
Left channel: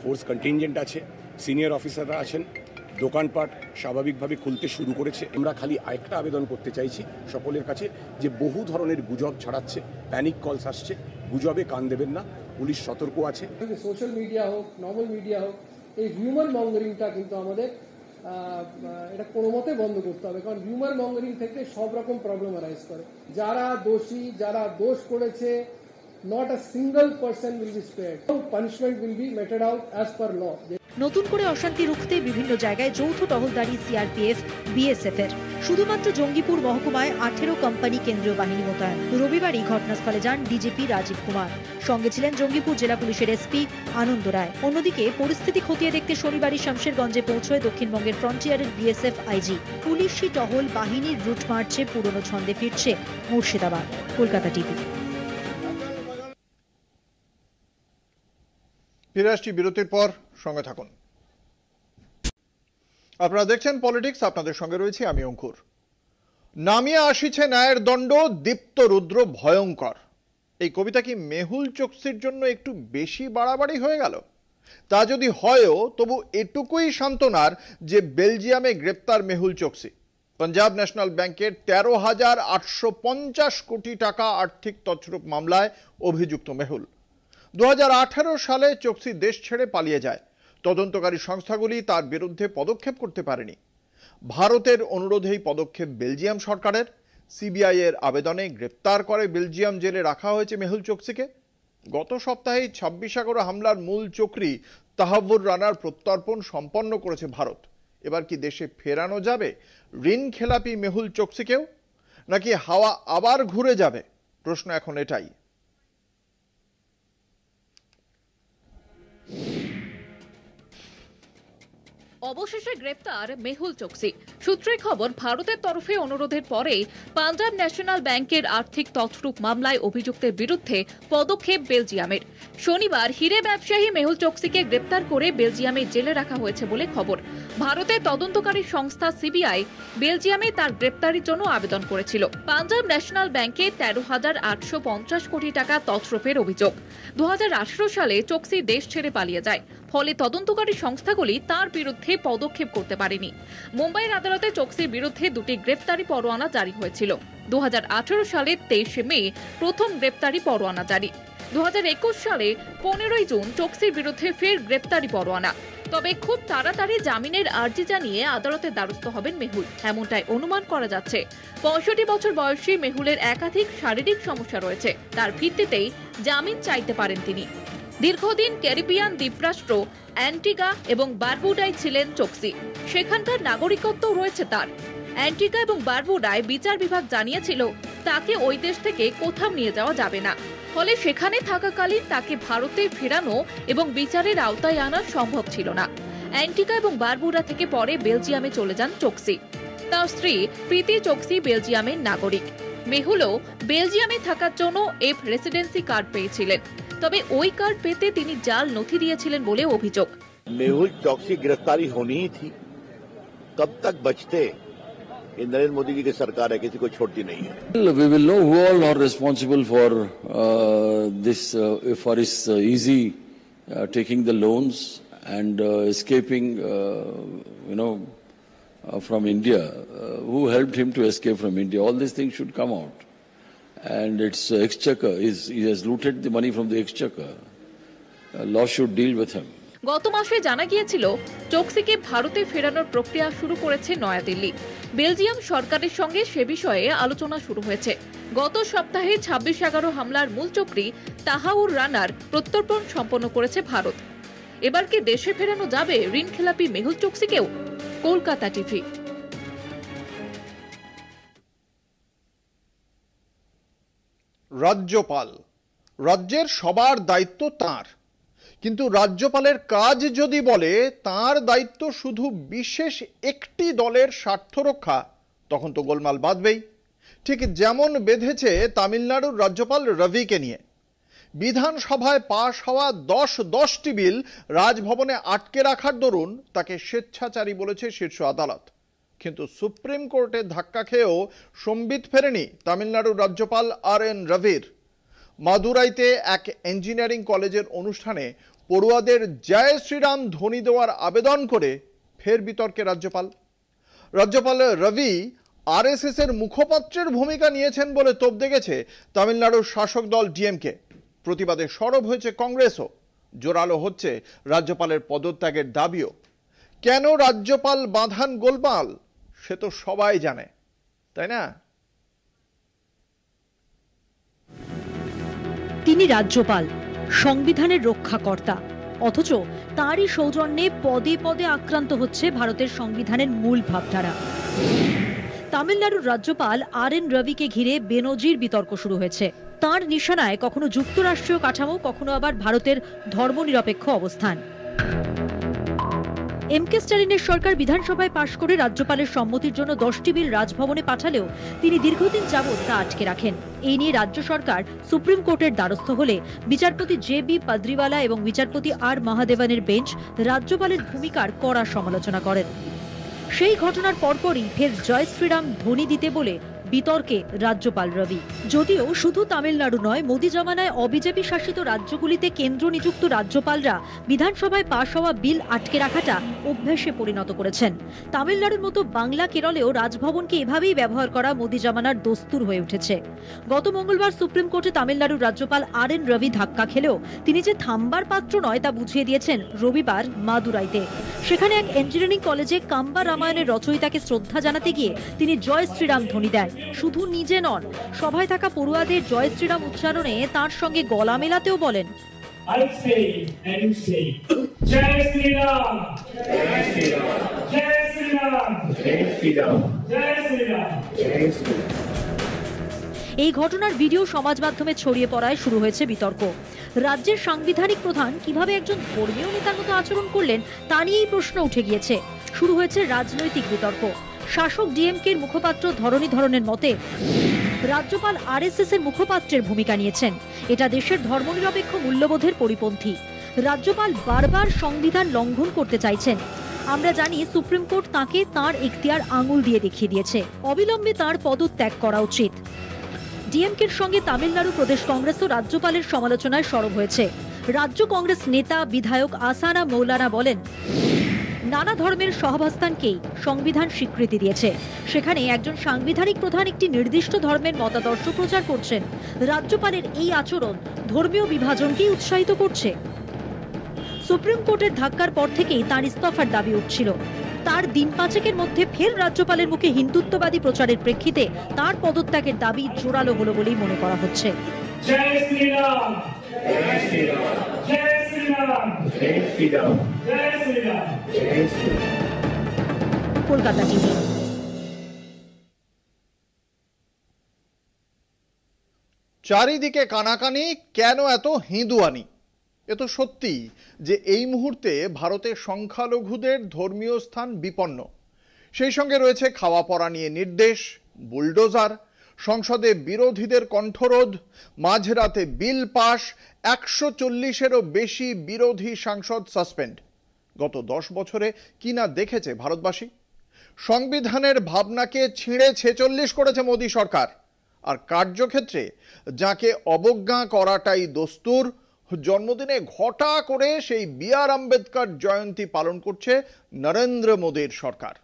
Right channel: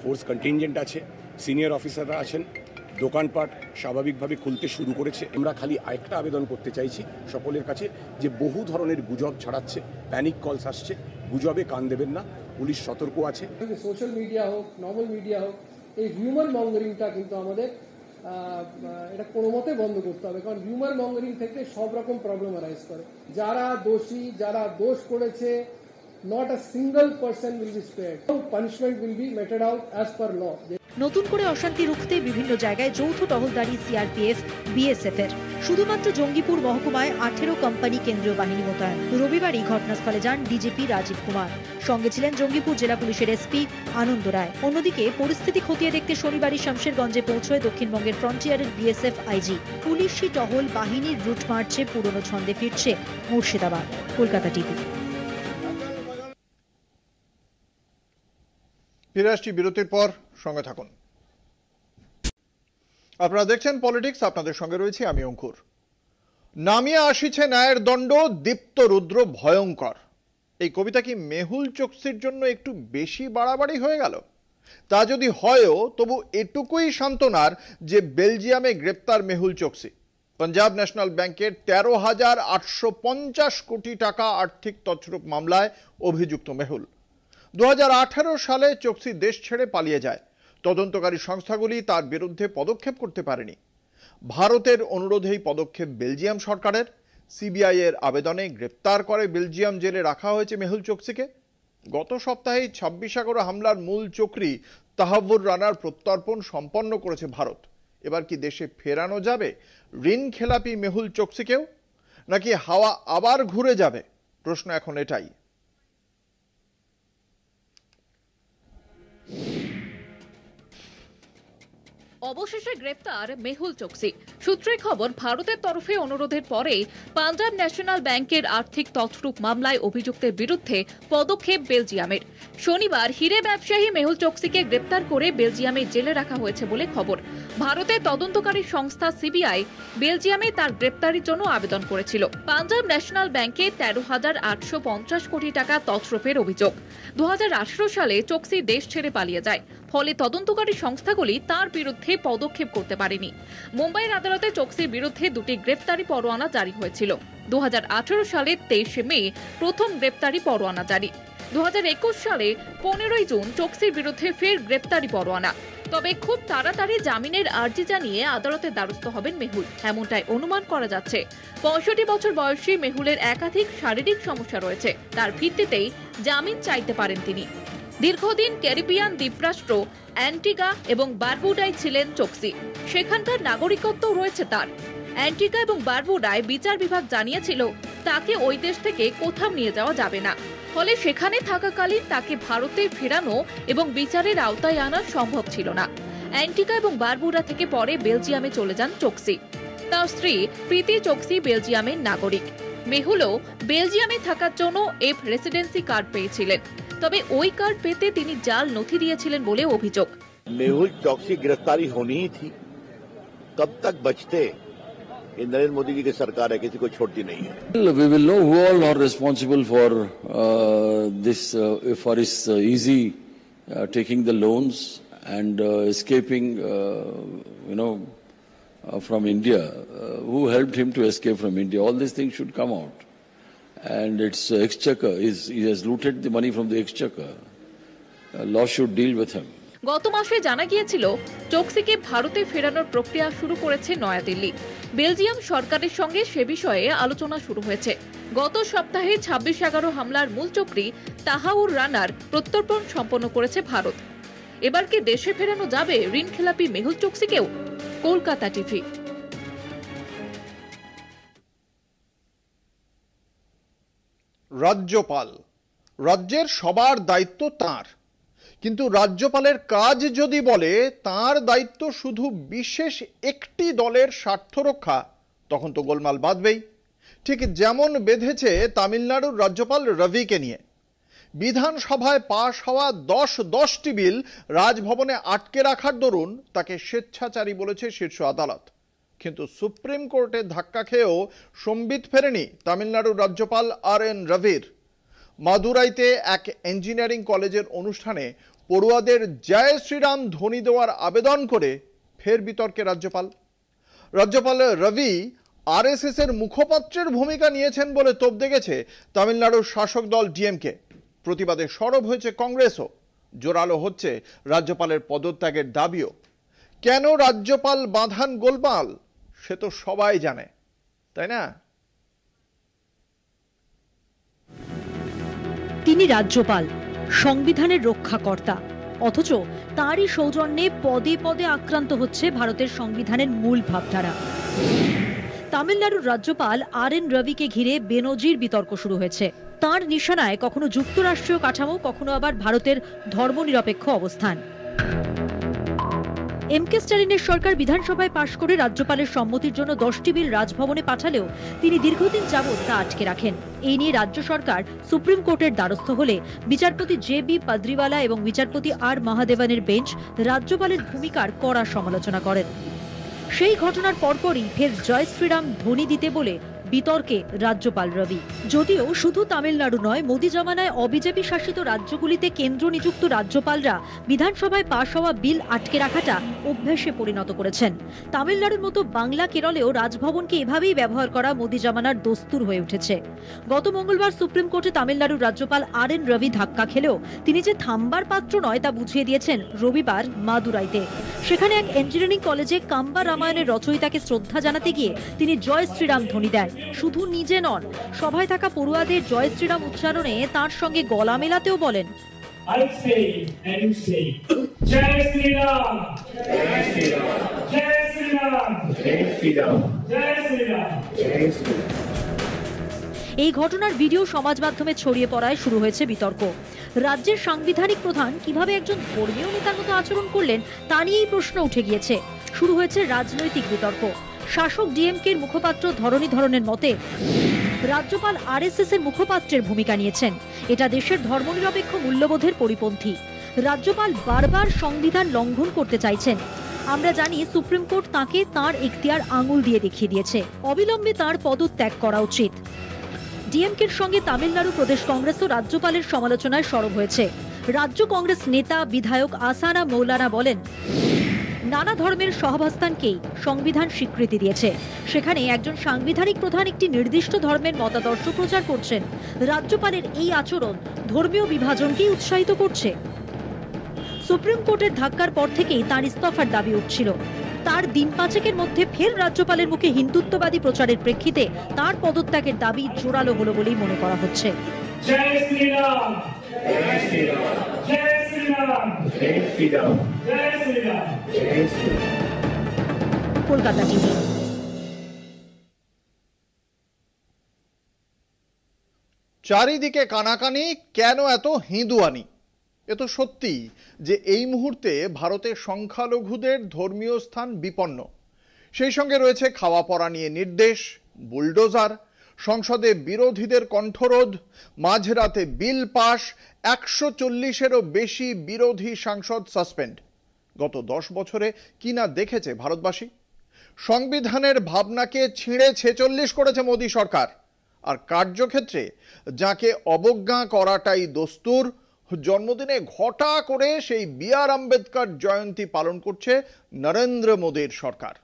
ফোর্স কন্টিনজেন্ট আছে, সিনিয়র অফিসাররা আছেন। দোকানপাট স্বাভাবিকভাবে খুলতে শুরু করেছে। আমরা খালি আরেকটা আবেদন করতে চাইছি সকলের কাছে যে বহু ধরনের গুজব ছড়াচ্ছে, প্যানিক কলস আসছে, গুজবে কান দেবেন না, পুলিশ সতর্ক আছে। সোশ্যাল মিডিয়া হোক, নর্মাল মিডিয়া হোক, এই হিউম্যান মঙ্গারিংটা কিন্তু আমাদের এটা কোনো মতে বন্ধ করতে হবে, কারণ হিউম্যান মঙ্গারিং থেকে সব রকম প্রবলেম অ্যারাইজ করে। যারা দোষী, যারা দোষ করেছে, not a single person will be spared. Punishment will be meted out as per law. নতুন করে অশান্তি রুখতে বিভিন্ন জায়গায় যৌথ টহলদারি সিআরপিএফ, বিএসএফ এর। শুধুমাত্র জঙ্গিপুর মহকুমায় 18 কোম্পানি কেন্দ্রীয় বাহিনী মোতায়েন। রবিবারই ঘটনাস্থলে যান ডিজিপি রাজীব কুমার, সঙ্গে ছিলেন জঙ্গিপুর জেলা পুলিশের এসপি আনন্দ রায়। অন্যদিকে পরিস্থিতি খতিয়ে দেখতে শনিবারই শামশেরগঞ্জে পৌঁছয় দক্ষিণবঙ্গের ফ্রন্টিয়ারের বিএসএফ আইজি। পুলিশি টহল বাহিনীর রুট মার্চে পুরনো ছন্দে ফিরছে মুর্শিদাবাদ। কলকাতা টিভি। ফিরে আসছি বিরতির পর, সঙ্গে থাকুন। আপনারা দেখছেন পলিটিক্স, আপনাদের সঙ্গে রয়েছে আমি অঙ্কুর। নামিয়ে আসিছে ন্যায়ের দণ্ড, দীপ্ত রুদ্র ভয়ঙ্কর। এই কবিতা কি মেহুল চোকসির জন্য একটু বেশি বাড়াবাড়ি হয়ে গেল? তা যদি হয়ও তবু এটুকুই সান্ত্বনার যে বেলজিয়ামে গ্রেপ্তার মেহুল চোকসি। পাঞ্জাব ন্যাশনাল ব্যাংকের 13,850 কোটি টাকা আর্থিক তছরূপ মামলায় অভিযুক্ত মেহুল। 2018 সালে চোকসি দেশ ছেড়ে পালিয়ে যায়। তদন্তকারী সংস্থাগুলি তার বিরুদ্ধে পদক্ষেপ করতে পারেনি। ভারতের অনুরোধেই পদক্ষেপ বেলজিয়াম সরকারের। সিবিআই এর আবেদনে গ্রেপ্তার করে বেলজিয়াম জেলে রাখা হয়েছে মেহুল চোকসিকে। গত সপ্তাহে 26 হামলার মূল চক্রী তাহাবুর রানার প্রত্যর্পণ সম্পন্ন করেছে ভারত। এবার কি দেশে ফেরানো যাবে ঋণ খেলাপি মেহুল চোকসিকেও, নাকি হাওয়া আবার ঘুরে যাবে? প্রশ্ন এখন এটাই। অবশেষে গ্রেফতার মেহুল চোকসি। সূত্রের খবর, ভারতের তরফে অনুরোধের পরে পাঞ্জাব ন্যাশনাল ব্যাংকের আর্থিক তছরূপ মামলায় অভিযুক্তের বিরুদ্ধে পদক্ষেপ বেলজিয়ামের। শনিবার হিরে ব্যবসায়ী মেহুল চোকসিকে গ্রেপ্তার করে বেলজিয়ামে জেলে রাখা হয়েছে বলে খবর। ভারতের তদন্তকারী সংস্থা সিবিআই বেলজিয়ামে তার গ্রেপ্তারের জন্য আবেদন করেছিল। পাঞ্জাব ন্যাশনাল ব্যাংকে 13,850 কোটি টাকা তছরূপের অভিযোগ। 2018 সালে চোকসি দেশ ছেড়ে পালিয়ে যায়। ফলে তদন্তকারী সংস্থাগুলি তার বিরুদ্ধে পদক্ষেপ করতে পারেনি। মুম্বাইয়ের আদালতে চোকসির বিরুদ্ধে দুটি গ্রেফতারি পরোয়ানা জারি হয়েছিল। 2018 সালের 23 মে প্রথম গ্রেফতারি পরোয়ানা জারি। 2021 সালে 15 জুন চোকসির বিরুদ্ধে ফের গ্রেফতারি পরোয়ানা। তবে খুব তাড়াতাড়ি জামিনের আর্জি জানিয়ে আদালতের দ্বারস্থ হবেন মেহুল, এমনটাই অনুমান করা যাচ্ছে। 65 বছর বয়সী মেহুলের একাধিক শারীরিক সমস্যা রয়েছে, তার ভিত্তিতেই জামিন চাইতে পারেন তিনি। দীর্ঘদিন ক্যারিবিয়ান দ্বীপরাষ্ট্র অ্যান্টিগা এবং বারবুডায় ছিলেন চোকসি। সেখানকার নাগরিকত্ব রয়েছে তার। অ্যান্টিগা এবং বারবুডায় বিচার বিভাগ জানিয়েছিল তাকে ওই দেশ থেকে কোথাও নিয়ে যাওয়া যাবে না। ফলে সেখানে থাকাকালীন তাকে ভারতে ফেরানো এবং বিচারের আওতায় আনা সম্ভব ছিল না। অ্যান্টিগা এবং বারবুডা থেকে পরে বেলজিয়ামে চলে যান চোকসি। তার স্ত্রী প্রীতি চোকসি বেলজিয়ামের নাগরিক। মেহুলও বেলজিয়ামে থাকার জন্য এফ রেসিডেন্সি কার্ড পেয়েছিলেন। তবে ওই কার্ড পেতে তিনি জাল নথি দিয়েছিলেন বলে অভিযোগ। मेहुल चौकसी गिरफ्तारी होनी ही थी, कब तक बचते? नरेंद्र मोदी जी की सरकार है, किसी को छोड़ती नहीं है। We will know who all are responsible for this, for his easy taking the loans and escaping, from India. Who helped him to escape from India? All these things should come out. And it's exchequer. He has looted the money from the exchequer. Law should deal with him. গত মাসে জানা গিয়েছিল চোকসিকে ভারতে ফেরানোর প্রক্রিয়া শুরু করেছে New Delhi. Belgium সরকারের সঙ্গে সে বিষয়ে আলোচনা শুরু হয়েছে। গত সপ্তাহে 26/11 হামলার মূল চক্রী তাহাউর রানার প্রত্যর্পণ সম্পন্ন করেছে ভারত। এবার কি দেশে ফেরানো যাবে ঋণ খেলাপি মেহুল চোকসিকেও? কলকাতা টিভি। রাজ্যপাল, রাজ্যের সবার দায়িত্ব তাঁর, কিন্তু রাজ্যপালের কাজ যদি বলে তাঁর দায়িত্ব শুধু বিশেষ একটি দলের স্বার্থ রক্ষা, তখন তো গোলমাল বাঁধবেই। ঠিক যেমন বেঁধেছে তামিলনাড়ুর রাজ্যপাল রবিকে নিয়ে। বিধানসভায় পাশ হওয়া 10টি বিল রাজভবনে আটকে রাখার দরুন তাকে স্বেচ্ছাচারী বলেছে শীর্ষ আদালত। কিন্তু সুপ্রিম কোর্টের ধাক্কা খেয়েও সম্বিত ফেরেনি তামিলনাড়ুর রাজ্যপাল RN রবির। মাদুরাইতে এক ইঞ্জিনিয়ারিং কলেজের অনুষ্ঠানে পড়ুয়াদের জয় শ্রীরাম ধ্বনি দেওয়ার আবেদন করে ফের বিতর্কে রাজ্যপাল রবি RSS এর মুখপাত্রের ভূমিকা নিয়েছেন বলে তোপ দেখেছে তামিলনাড়ুর শাসক দল DMK। প্রতিবাদে সরব হয়েছে কংগ্রেসও। জোরালো হচ্ছে রাজ্যপালের পদত্যাগের দাবিও। কেন রাজ্যপাল বাঁধান গোলমাল সে তো সবাই জানে, তাই না? তিনি রাজ্যপাল, সংবিধানের রক্ষাকর্তা, অথচ তারই সৌজন্যে পদে পদে আক্রান্ত হচ্ছে ভারতের সংবিধানের মূল ভাবধারা। তামিলনাড়ুর রাজ্যপাল RN রবিকে ঘিরে বেনজির বিতর্ক শুরু হয়েছে। তার নিশানায় কখনো যুক্তরাষ্ট্রীয় কাঠামো, কখনো আবার ভারতের ধর্মনিরপেক্ষ অবস্থান। MK স্ট্যালিনের সরকার বিধানসভায় পাশ করে রাজ্যপালের সম্মতির জন্য 10টি বিল রাজভবনে পাঠালেও তিনি দীর্ঘদিন যাবৎ তা আটকে রাখেন। এই নিয়ে রাজ্য সরকার সুপ্রিম কোর্টের দ্বারস্থ হলে বিচারপতি JB পাদ্রিওয়ালা এবং বিচারপতি R মহাদেবনের বেঞ্চ রাজ্যপালের ভূমিকার কড়া সমালোচনা করেন। সেই ঘটনার পরপরই ফের জয় শ্রীরাম ধ্বনি দিতে বলে বিতর্কে রাজ্যপাল রবি। যদিও শুধু তামিলনাড়ু নয়, মোদী জামানায় অবিজেপি শাসিত রাজ্যগুলিতে কেন্দ্র নিযুক্ত রাজ্যপালরা বিধানসভায় পাশ হওয়া বিল আটকে রাখাটা অভ্যাসে পরিণত করেছেন। তামিলনাড়ুর মতো বাংলা কেরলেও রাজভবনকে এভাবেই ব্যবহার করা মোদী জামানার দস্তুর হয়ে উঠেছে। গত মঙ্গলবার সুপ্রিম কোর্টে তামিলনাড়ুর রাজ্যপাল RN রবি ধাক্কা খেলেও তিনি যে থামবার পাত্র নয় তা বুঝিয়ে দিয়েছেন রবিবার মাদুরাইতে। সেখানে এক ইঞ্জিনিয়ারিং কলেজে কাম্বা রামায়ণের রচয়িতাকে শ্রদ্ধা জানাতে গিয়ে তিনি জয় শ্রীরাম ধ্বনি দেন। শুধু নিজে নন, সভায় থাকা পড়ুয়াদের জয় শ্রীরাম উচ্চারণে তার সঙ্গে গলা মেলাতেও বলেন, এই ঘটনার ভিডিও সমাজ মাধ্যমে ছড়িয়ে পড়ায় শুরু হয়েছে বিতর্ক। রাজ্যের সাংবিধানিক প্রধান কিভাবে একজন ধর্মীয় নেতার মতো আচরণ করলেন তা নিয়েই প্রশ্ন উঠে গিয়েছে। শুরু হয়েছে রাজনৈতিক বিতর্ক। শাসক DMK এর মুখপাত্র ধরণীধরনের মতে রাজ্যপাল RSS এর মুখপাত্রের ভূমিকা নিয়েছেন। এটা দেশের ধর্মনিরপেক্ষ মূল্যবোধের পরিপন্থী। রাজ্যপাল বারবার সংবিধান লঙ্ঘন করতে চাইছেন। আমরা জানি সুপ্রিম কোর্ট তাকে তার এখতিয়ার আঙুল দিয়ে দেখিয়ে দিয়েছে। অবিলম্বে তার পদত্যাগ করা উচিত। DMK এর সঙ্গে তামিলনাড়ু প্রদেশ কংগ্রেসও রাজ্যপালের সমালোচনায় সরব হয়েছে। রাজ্য কংগ্রেস নেতা বিধায়ক আসানা মৌলানা বলেন, নানা ধর্মের সহাবস্থানকেই সংবিধান স্বীকৃতি দিয়েছে। সেখানে একজন সাংবিধানিক প্রধান একটি নির্দিষ্ট ধর্মের মতাদর্শ প্রচার করছেন। রাজ্যপালের এই আচরণ ধর্মীয় বিভাজনকেই উৎসাহিত করছে। সুপ্রিম কোর্টের ধাক্কার পর থেকেই তার ইস্তফার দাবি উঠছিল। তার দিন পাঁচেকের মধ্যে ফের রাজ্যপালের মুখে হিন্দুত্ববাদী প্রচারের প্রেক্ষিতে তার পদত্যাগের দাবি জোরালো হলো বলেই মনে করা হচ্ছে। কলকাতা টিভি। চারিদিকে কানাকানি, কেন এত হিন্দুয়ানি? এ তো সত্যি যে এই মুহূর্তে ভারতের সংখ্যালঘুদের ধর্মীয় স্থান বিপন্ন। সেই সঙ্গে রয়েছে খাওয়া পড়া নিয়ে নির্দেশ, বুলডোজার, সংসদে বিরোধীদের কণ্ঠরোধ, মাঝরাতে বিল পাশ, 140-এরও বেশি বিরোধী সাংসদ সাসপেন্ড। গত 10 বছরে কি না দেখেছে ভারতবাসী? সংবিধানের ভাবনাকে ছিঁড়ে 46 করেছে মোদী সরকার। আর কার্যক্ষেত্রে যাকে অবজ্ঞা করাটাই দস্তুর, জন্মদিনে ঘটা করে সেই BR আম্বেদকর জয়ন্তী পালন করছে নরেন্দ্র মোদীর সরকার।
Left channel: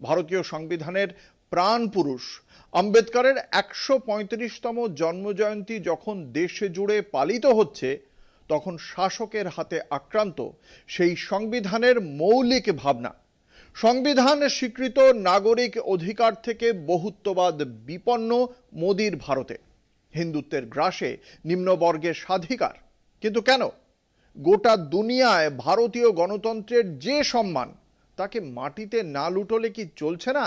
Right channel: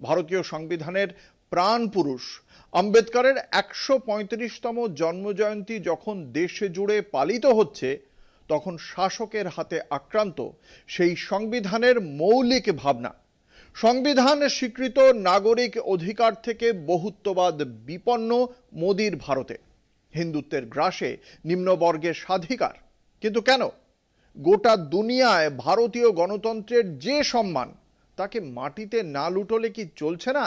ভারতীয় সংবিধানের প্রাণ পুরুষ আম্বেদকরের 135তম জন্মজয়ন্তী যখন দেশে জুড়ে পালিত হচ্ছে, তখন শাসকের হাতে আক্রান্ত সেই সংবিধানের মৌলিক ভাবনা। সংবিধান স্বীকৃত নাগরিক অধিকার থেকে বহুত্ববাদ বিপন্ন মোদীর ভারতে। হিন্দুত্বের গ্রাসে নিম্নবর্গের স্বাধিকার। কিন্তু কেন গোটা দুনিয়ায় ভারতীয় গণতন্ত্রের যে সম্মান, তাকে মাটিতে না লুটলে কি চলছে না?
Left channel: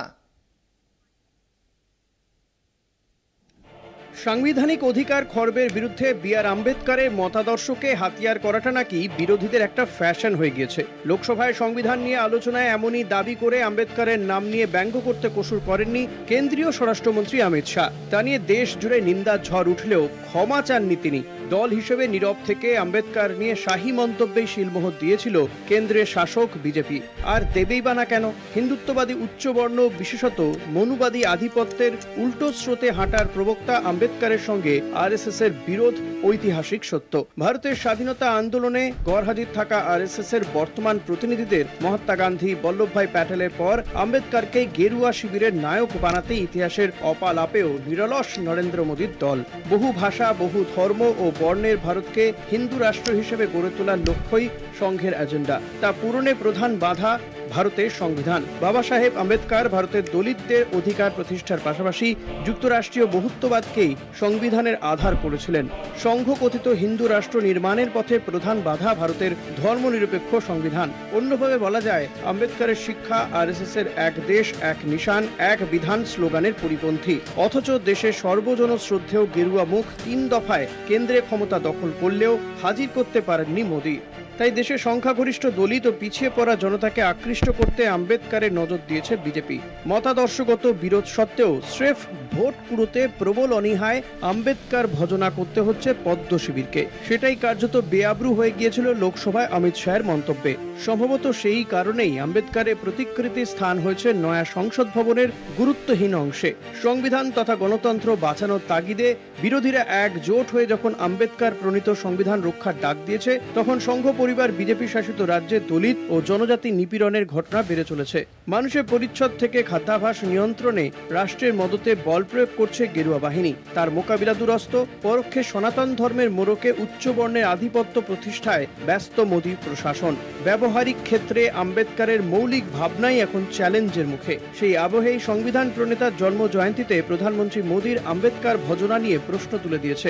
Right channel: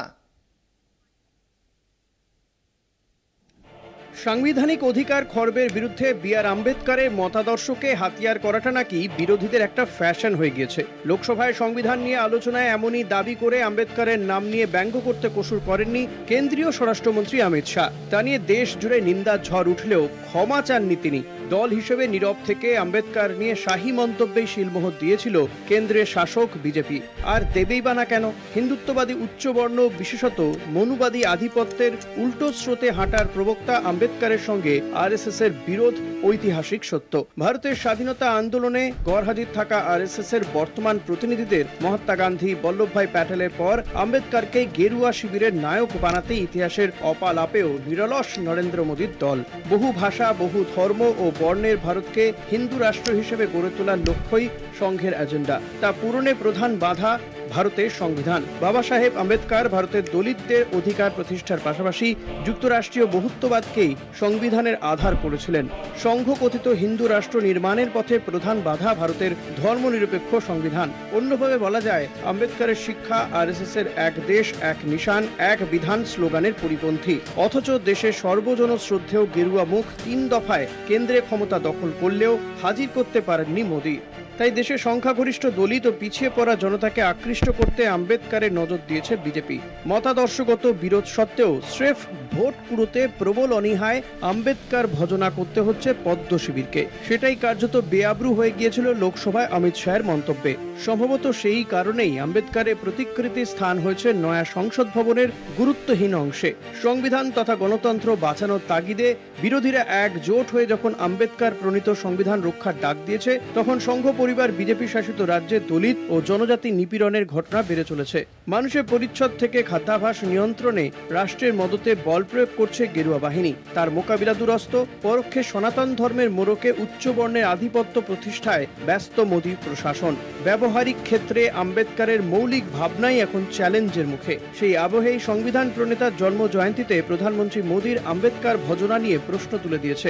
সাংবিধানিক অধিকার খর্বের বিরুদ্ধে BR আম্বেদকরের মতাদর্শকে হাতিয়ার করাটা নাকি বিরোধীদের একটা ফ্যাশন হয়ে গিয়েছে। লোকসভায় সংবিধান নিয়ে আলোচনায় এমনই দাবি করে আম্বেদকরের নাম নিয়ে ব্যঙ্গ করতে কসুর করেননি কেন্দ্রীয় স্বরাষ্ট্রমন্ত্রী অমিত শাহ। তা নিয়ে দেশ জুড়ে নিন্দার ঝড় উঠলেও ক্ষমা চাননি তিনি। দল হিসেবে নীরব থেকে আম্বেদকর নিয়ে শাহী মন্তব্যে শিলমোহর দিয়েছিল কেন্দ্রের শাসক বিজেপি। আর দেবেই বা না কেন? হিন্দুত্ববাদী উচ্চবর্ণ বিশেষত মনুবাদী আধিপত্যের উল্টো স্রোতে হাঁটার প্রবক্তা আম্বেদকরের সঙ্গে আরএসএস এর বিরোধ ঐতিহাসিক সত্য। ভারতের স্বাধীনতা আন্দোলনে গড়হাজির থাকা আরএসএস এর বর্তমান প্রতিনিধিদের মহাত্মা গান্ধী, বল্লভভাই প্যাটেলের পর আম্বেদকরকে গেরুয়া শিবিরের নায়ক বানাতে ইতিহাসের অপালাপেও নিরলস নরেন্দ্র মোদীর দল। বহু ভাষা, বহু ধর্ম ও বর্ণের ভারতকে হিন্দু রাষ্ট্র হিসেবে গড়ে তোলার লক্ষ্যই সংঘের এজেন্ডা। তা পূরণে প্রধান বাধা ভারতের সংবিধান। বাবা সাহেব আম্বেদকর ভারতের দলিতদের অধিকার প্রতিষ্ঠার পাশাপাশি যুক্তরাষ্ট্রীয় বহুত্ববাদকেই সংবিধানের আধার করেছিলেন। সংঘ কথিত হিন্দু রাষ্ট্র নির্মাণের পথে প্রধান বাধা ভারতের ধর্মনিরপেক্ষ সংবিধান। অন্যভাবে বলা যায়, আম্বেদকরের শিক্ষা আরএসএস এর এক দেশ, এক নিশান, এক বিধান স্লোগানের পরিপন্থী। অথচ দেশের সর্বজন শ্রদ্ধেয় গেরুয়া মুখ 3 দফায় কেন্দ্রে ক্ষমতা দখল করলেও হাজির করতে পারেননি মোদী। তাই দেশের সংখ্যাগরিষ্ঠ দলিত ও পিছিয়ে পড়া জনতাকে আকৃষ্ট করতে আম্বেদকরের নজর দিয়েছে বিজেপি। মতাদর্শগত বিরোধ সত্ত্বেও স্রেফ ভোট কুড়োতে প্রবল অনীহায় আম্বেদকর ভজনা করতে হচ্ছে পদ্ম শিবিরকে। সেটাই কার্যত বেআব্রু হয়ে গিয়েছিল লোকসভায় অমিত শাহের মন্তব্যে। সম্ভবত সেই কারণেই আম্বেদকরের প্রতিকৃতি স্থান হয়েছে নয়া সংসদ ভবনের গুরুত্বহীন অংশে। সংবিধান তথা গণতন্ত্র বাঁচানোর তাগিদে বিরোধীরা একজোট হয়ে যখন আম্বেদকর প্রণীত সংবিধান রক্ষার ডাক দিয়েছে, তখন সংঘ পরিবার বিজেপি শাসিত রাজ্যে দলিত ও জনজাতি নিপীড়নের ঘটনা বেড়ে চলেছে। মানুষের পরিচ্ছদ থেকে খাদ্যাভ্যাস নিয়ন্ত্রণে রাষ্ট্রের মদতে বল প্রয়োগ করছে গেরুয়া বাহিনী। তার মোকাবিলা দুরস্ত। পরোক্ষে সনাতন ধর্মের মোড়কে উচ্চ বর্ণের আধিপত্য প্রতিষ্ঠায় ব্যস্ত মোদী প্রশাসন। ব্যবহারিক ক্ষেত্রে আম্বেদকরের মৌলিক ভাবনাই এখন চ্যালেঞ্জের মুখে। সেই আবহেই সংবিধান প্রণেতার জন্ম জয়ন্তীতে প্রধানমন্ত্রী মোদীর আম্বেদকর ভজনা নিয়ে প্রশ্ন তুলে দিয়েছে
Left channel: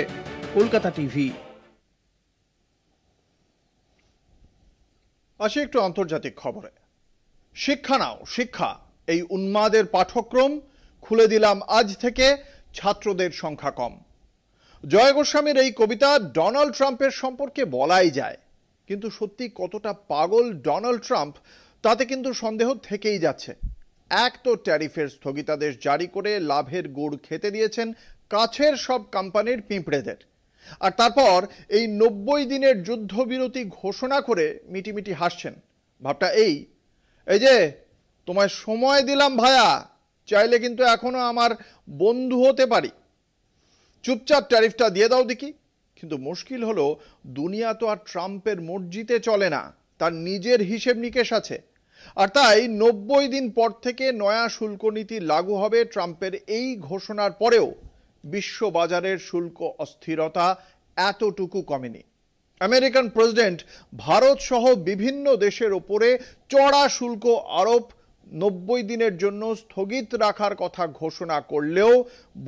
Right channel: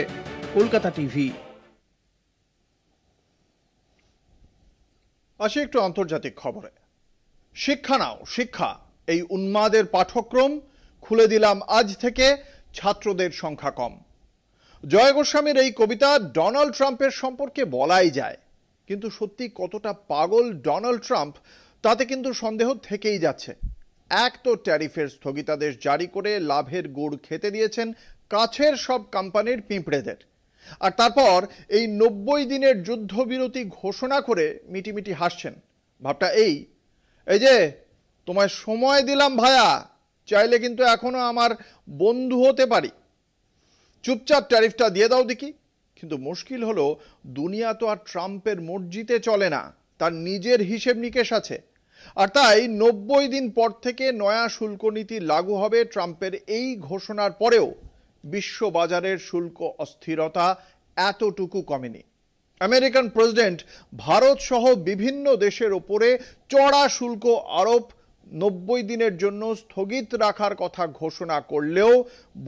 কলকাতা টিভি। আসি একটু আন্তর্জাতিক খবরে। শিক্ষা নাও শিক্ষা, এই উন্মাদের পাঠ্যক্রম খুলে দিলাম আজ থেকে, ছাত্রদের সংখ্যা কম। জয় গোস্বামীর এই কবিতা ডোনাল্ড ট্রাম্পের সম্পর্কে বলাই যায়, কিন্তু সত্যি কতটা পাগল ডোনাল্ড ট্রাম্প তাতে কিন্তু সন্দেহ থেকেই যাচ্ছে। এক তো ট্যারিফের স্থগিতাদেশ জারি করে লাভের গুড় খেতে দিয়েছেন কাছের সব কোম্পানির পিঁপড়েদের, আর তারপর এই 90 দিনের যুদ্ধবিরতি ঘোষণা করে মিটিমিটি হাসছেন। ভাবটা এই যে তোমায় সময় দিলাম ভায়া, চাইলে কিন্তু এখনো আমার বন্ধু হতে পারি, চুপচাপ ট্যারিফটা দিয়ে দাও দেখি। কিন্তু মুশকিল হলো, দুনিয়া তো আর ট্রাম্পের মর্জিতে চলে না, তার নিজের হিসেব নিকেশ আছে। আর তাই 90 দিন পর থেকে নয়া শুল্ক নীতি লাগু হবে। ট্রাম্পের এই ঘোষণার পরেও বিশ্ববাজারের শুল্ক অস্থিরতা এতটুকু কমেনি। আমেরিকান প্রেসিডেন্ট ভারত সহ বিভিন্ন দেশের উপরে চড়া শুল্ক আরোপ 90 দিনের জন্য স্থগিত রাখার কথা ঘোষণা করলেও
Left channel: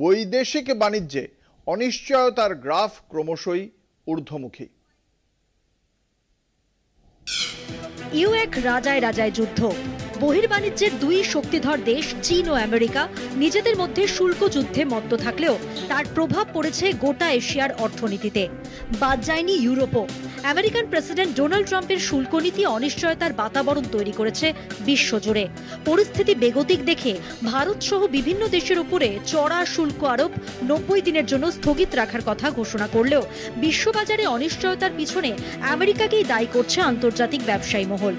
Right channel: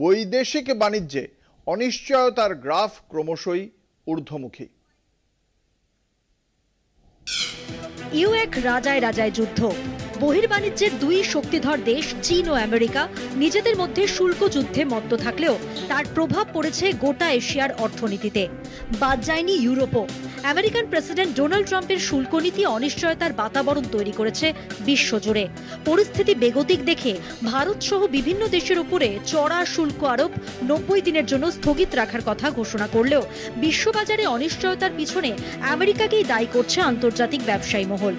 বৈদেশিক বাণিজ্যে অনিশ্চয়তার গ্রাফ ক্রমশই ঊর্ধ্বমুখী। এক রাজায় রাজায় যুদ্ধ। বহির্বাণিজ্যের 2 শক্তিধর দেশ চীন ও আমেরিকা নিজেদের মধ্যে শুল্ক যুদ্ধে মত্ত থাকলেও তার প্রভাব পড়েছে গোটা এশিয়ার অর্থনীতিতে। বাদ যায়নি ইউরোপও। আমেরিকান প্রেসিডেন্ট ডোনাল্ড ট্রাম্পের শুল্ক নীতি অনিশ্চয়তার বাতাবরণ তৈরি করেছে বিশ্বজুড়ে। পরিস্থিতি বেগতিক দেখে ভারত সহ বিভিন্ন দেশের উপরে চড়া শুল্ক আরোপ 90 দিনের জন্য স্থগিত রাখার কথা ঘোষণা করলেও বিশ্ববাজারে অনিশ্চয়তার পিছনে আমেরিকাকেই দায়ী করছে আন্তর্জাতিক ব্যবসায়ী মহল।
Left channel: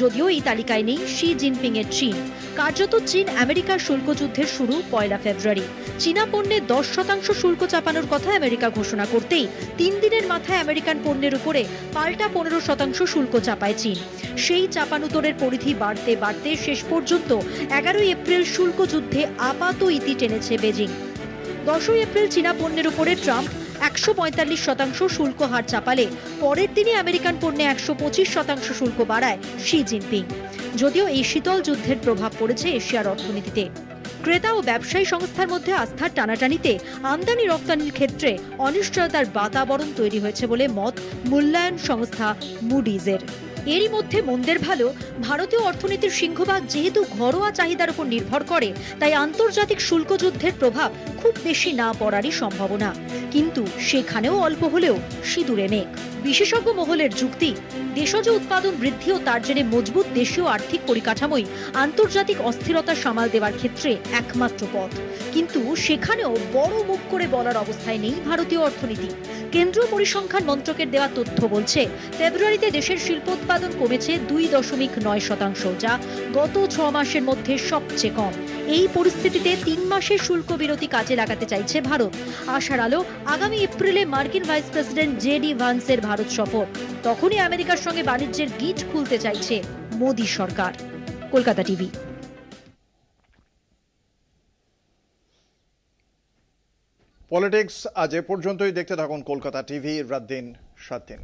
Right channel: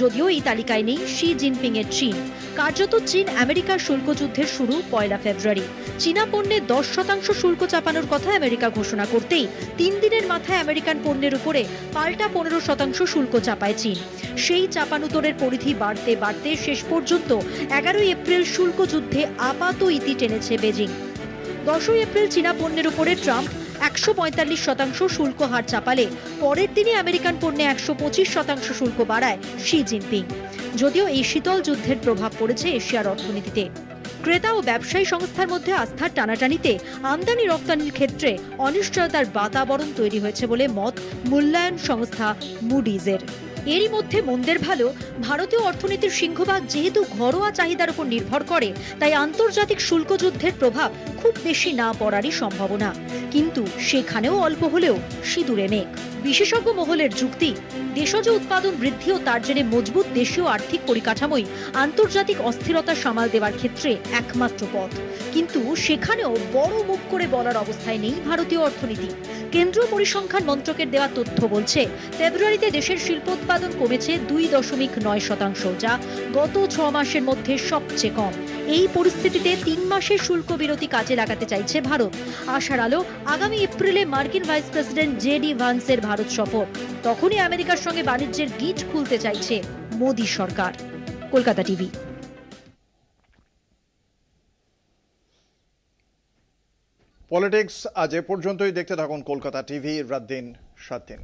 যদিও এই তালিকায় নেই শি জিনপিং এর চীন। কার্যত চীন আমেরিকার শুল্ক যুদ্ধের শুরু 1 ফেব্রুয়ারি। চীনা পণ্যে 10% শুল্ক চাপানোর কথা আমেরিকা ঘোষণা করতেই 3 দিনের মাথায় আমেরিকান পণ্যের উপরে পাল্টা 15% শুল্ক চাপায় চীন। সেই চাপানুতোরের পরিধি বাড়তে বাড়তে শেষ পর্যন্ত 11 এপ্রিল শুল্ক যুদ্ধে আপাত ইতি টেনেছে বেজিং। 10 এপ্রিল চীনা পণ্যের উপরে ট্রাম্প 145% শুল্ক হার চাপালে পরের দিনে আমেরিকান পণ্যে 125% শুল্ক বাড়ায় শি জিনপিং। যদিও এই শীতল যুদ্ধের প্রভাব পড়েছে এশিয়ার অর্থনীতিতে। ক্রেতা ও ব্যবসায়ী সংস্থার মধ্যে আস্থার টানাটানিতে আমদানি রপ্তানির ক্ষেত্রে অনিশ্চয়তার বাতাবরণ তৈরি হয়েছে বলে মত মূল্যায়ন সংস্থা মুডিজের। এরই মধ্যে মন্দের ভালো, ভারতীয় অর্থনীতির সিংহভাগ যেহেতু ঘরোয়া চাহিদার উপর নির্ভর করে, তাই আন্তর্জাতিক শুল্ক যুদ্ধের প্রভাব খুব বেশি না পড়ারই সম্ভাবনা। কিন্তু সেখানেও অল্প হলেও সিঁদুরে নেক। বিশেষজ্ঞ মহলের যুক্তি, দেশজ উৎপাদন বৃদ্ধি ও তার জেরে মজবুত দেশীয় আর্থিক পরিকাঠামোই আন্তর্জাতিক অস্থিরতা সামাল দেওয়ার ক্ষেত্রে একমাত্র পথ। কিন্তু সেখানেও বড় মুখ করে বলার অবস্থায় নেই ভারতীয় অর্থনীতি। কেন্দ্রীয় পরিসংখ্যান মন্ত্রকের দেওয়া তথ্য বলছে ফেব্রুয়ারিতে দেশের শিল্পোৎপাদন কমেছে 2.9%, যা গত 6 মাসের মধ্যে সবচেয়ে কম। এই পরিস্থিতিতে 3 মাসের শুল্ক বিরতি কাজে লাগাতে চাইছে ভারত। আশার আলো, আগামী এপ্রিলে মার্কিন ভাইস প্রেসিডেন্ট জেডি ভান্সের ভারত সফর। তখনই আমেরিকার সঙ্গে বাণিজ্যের গিট খুলতে চাইছে মোদী সরকার। কলকাতা টিভি। পলিটিক্স আজ এ পর্যন্তই। দেখতে থাকুন কলকাতা টিভি, রাত দিন 7 দিন।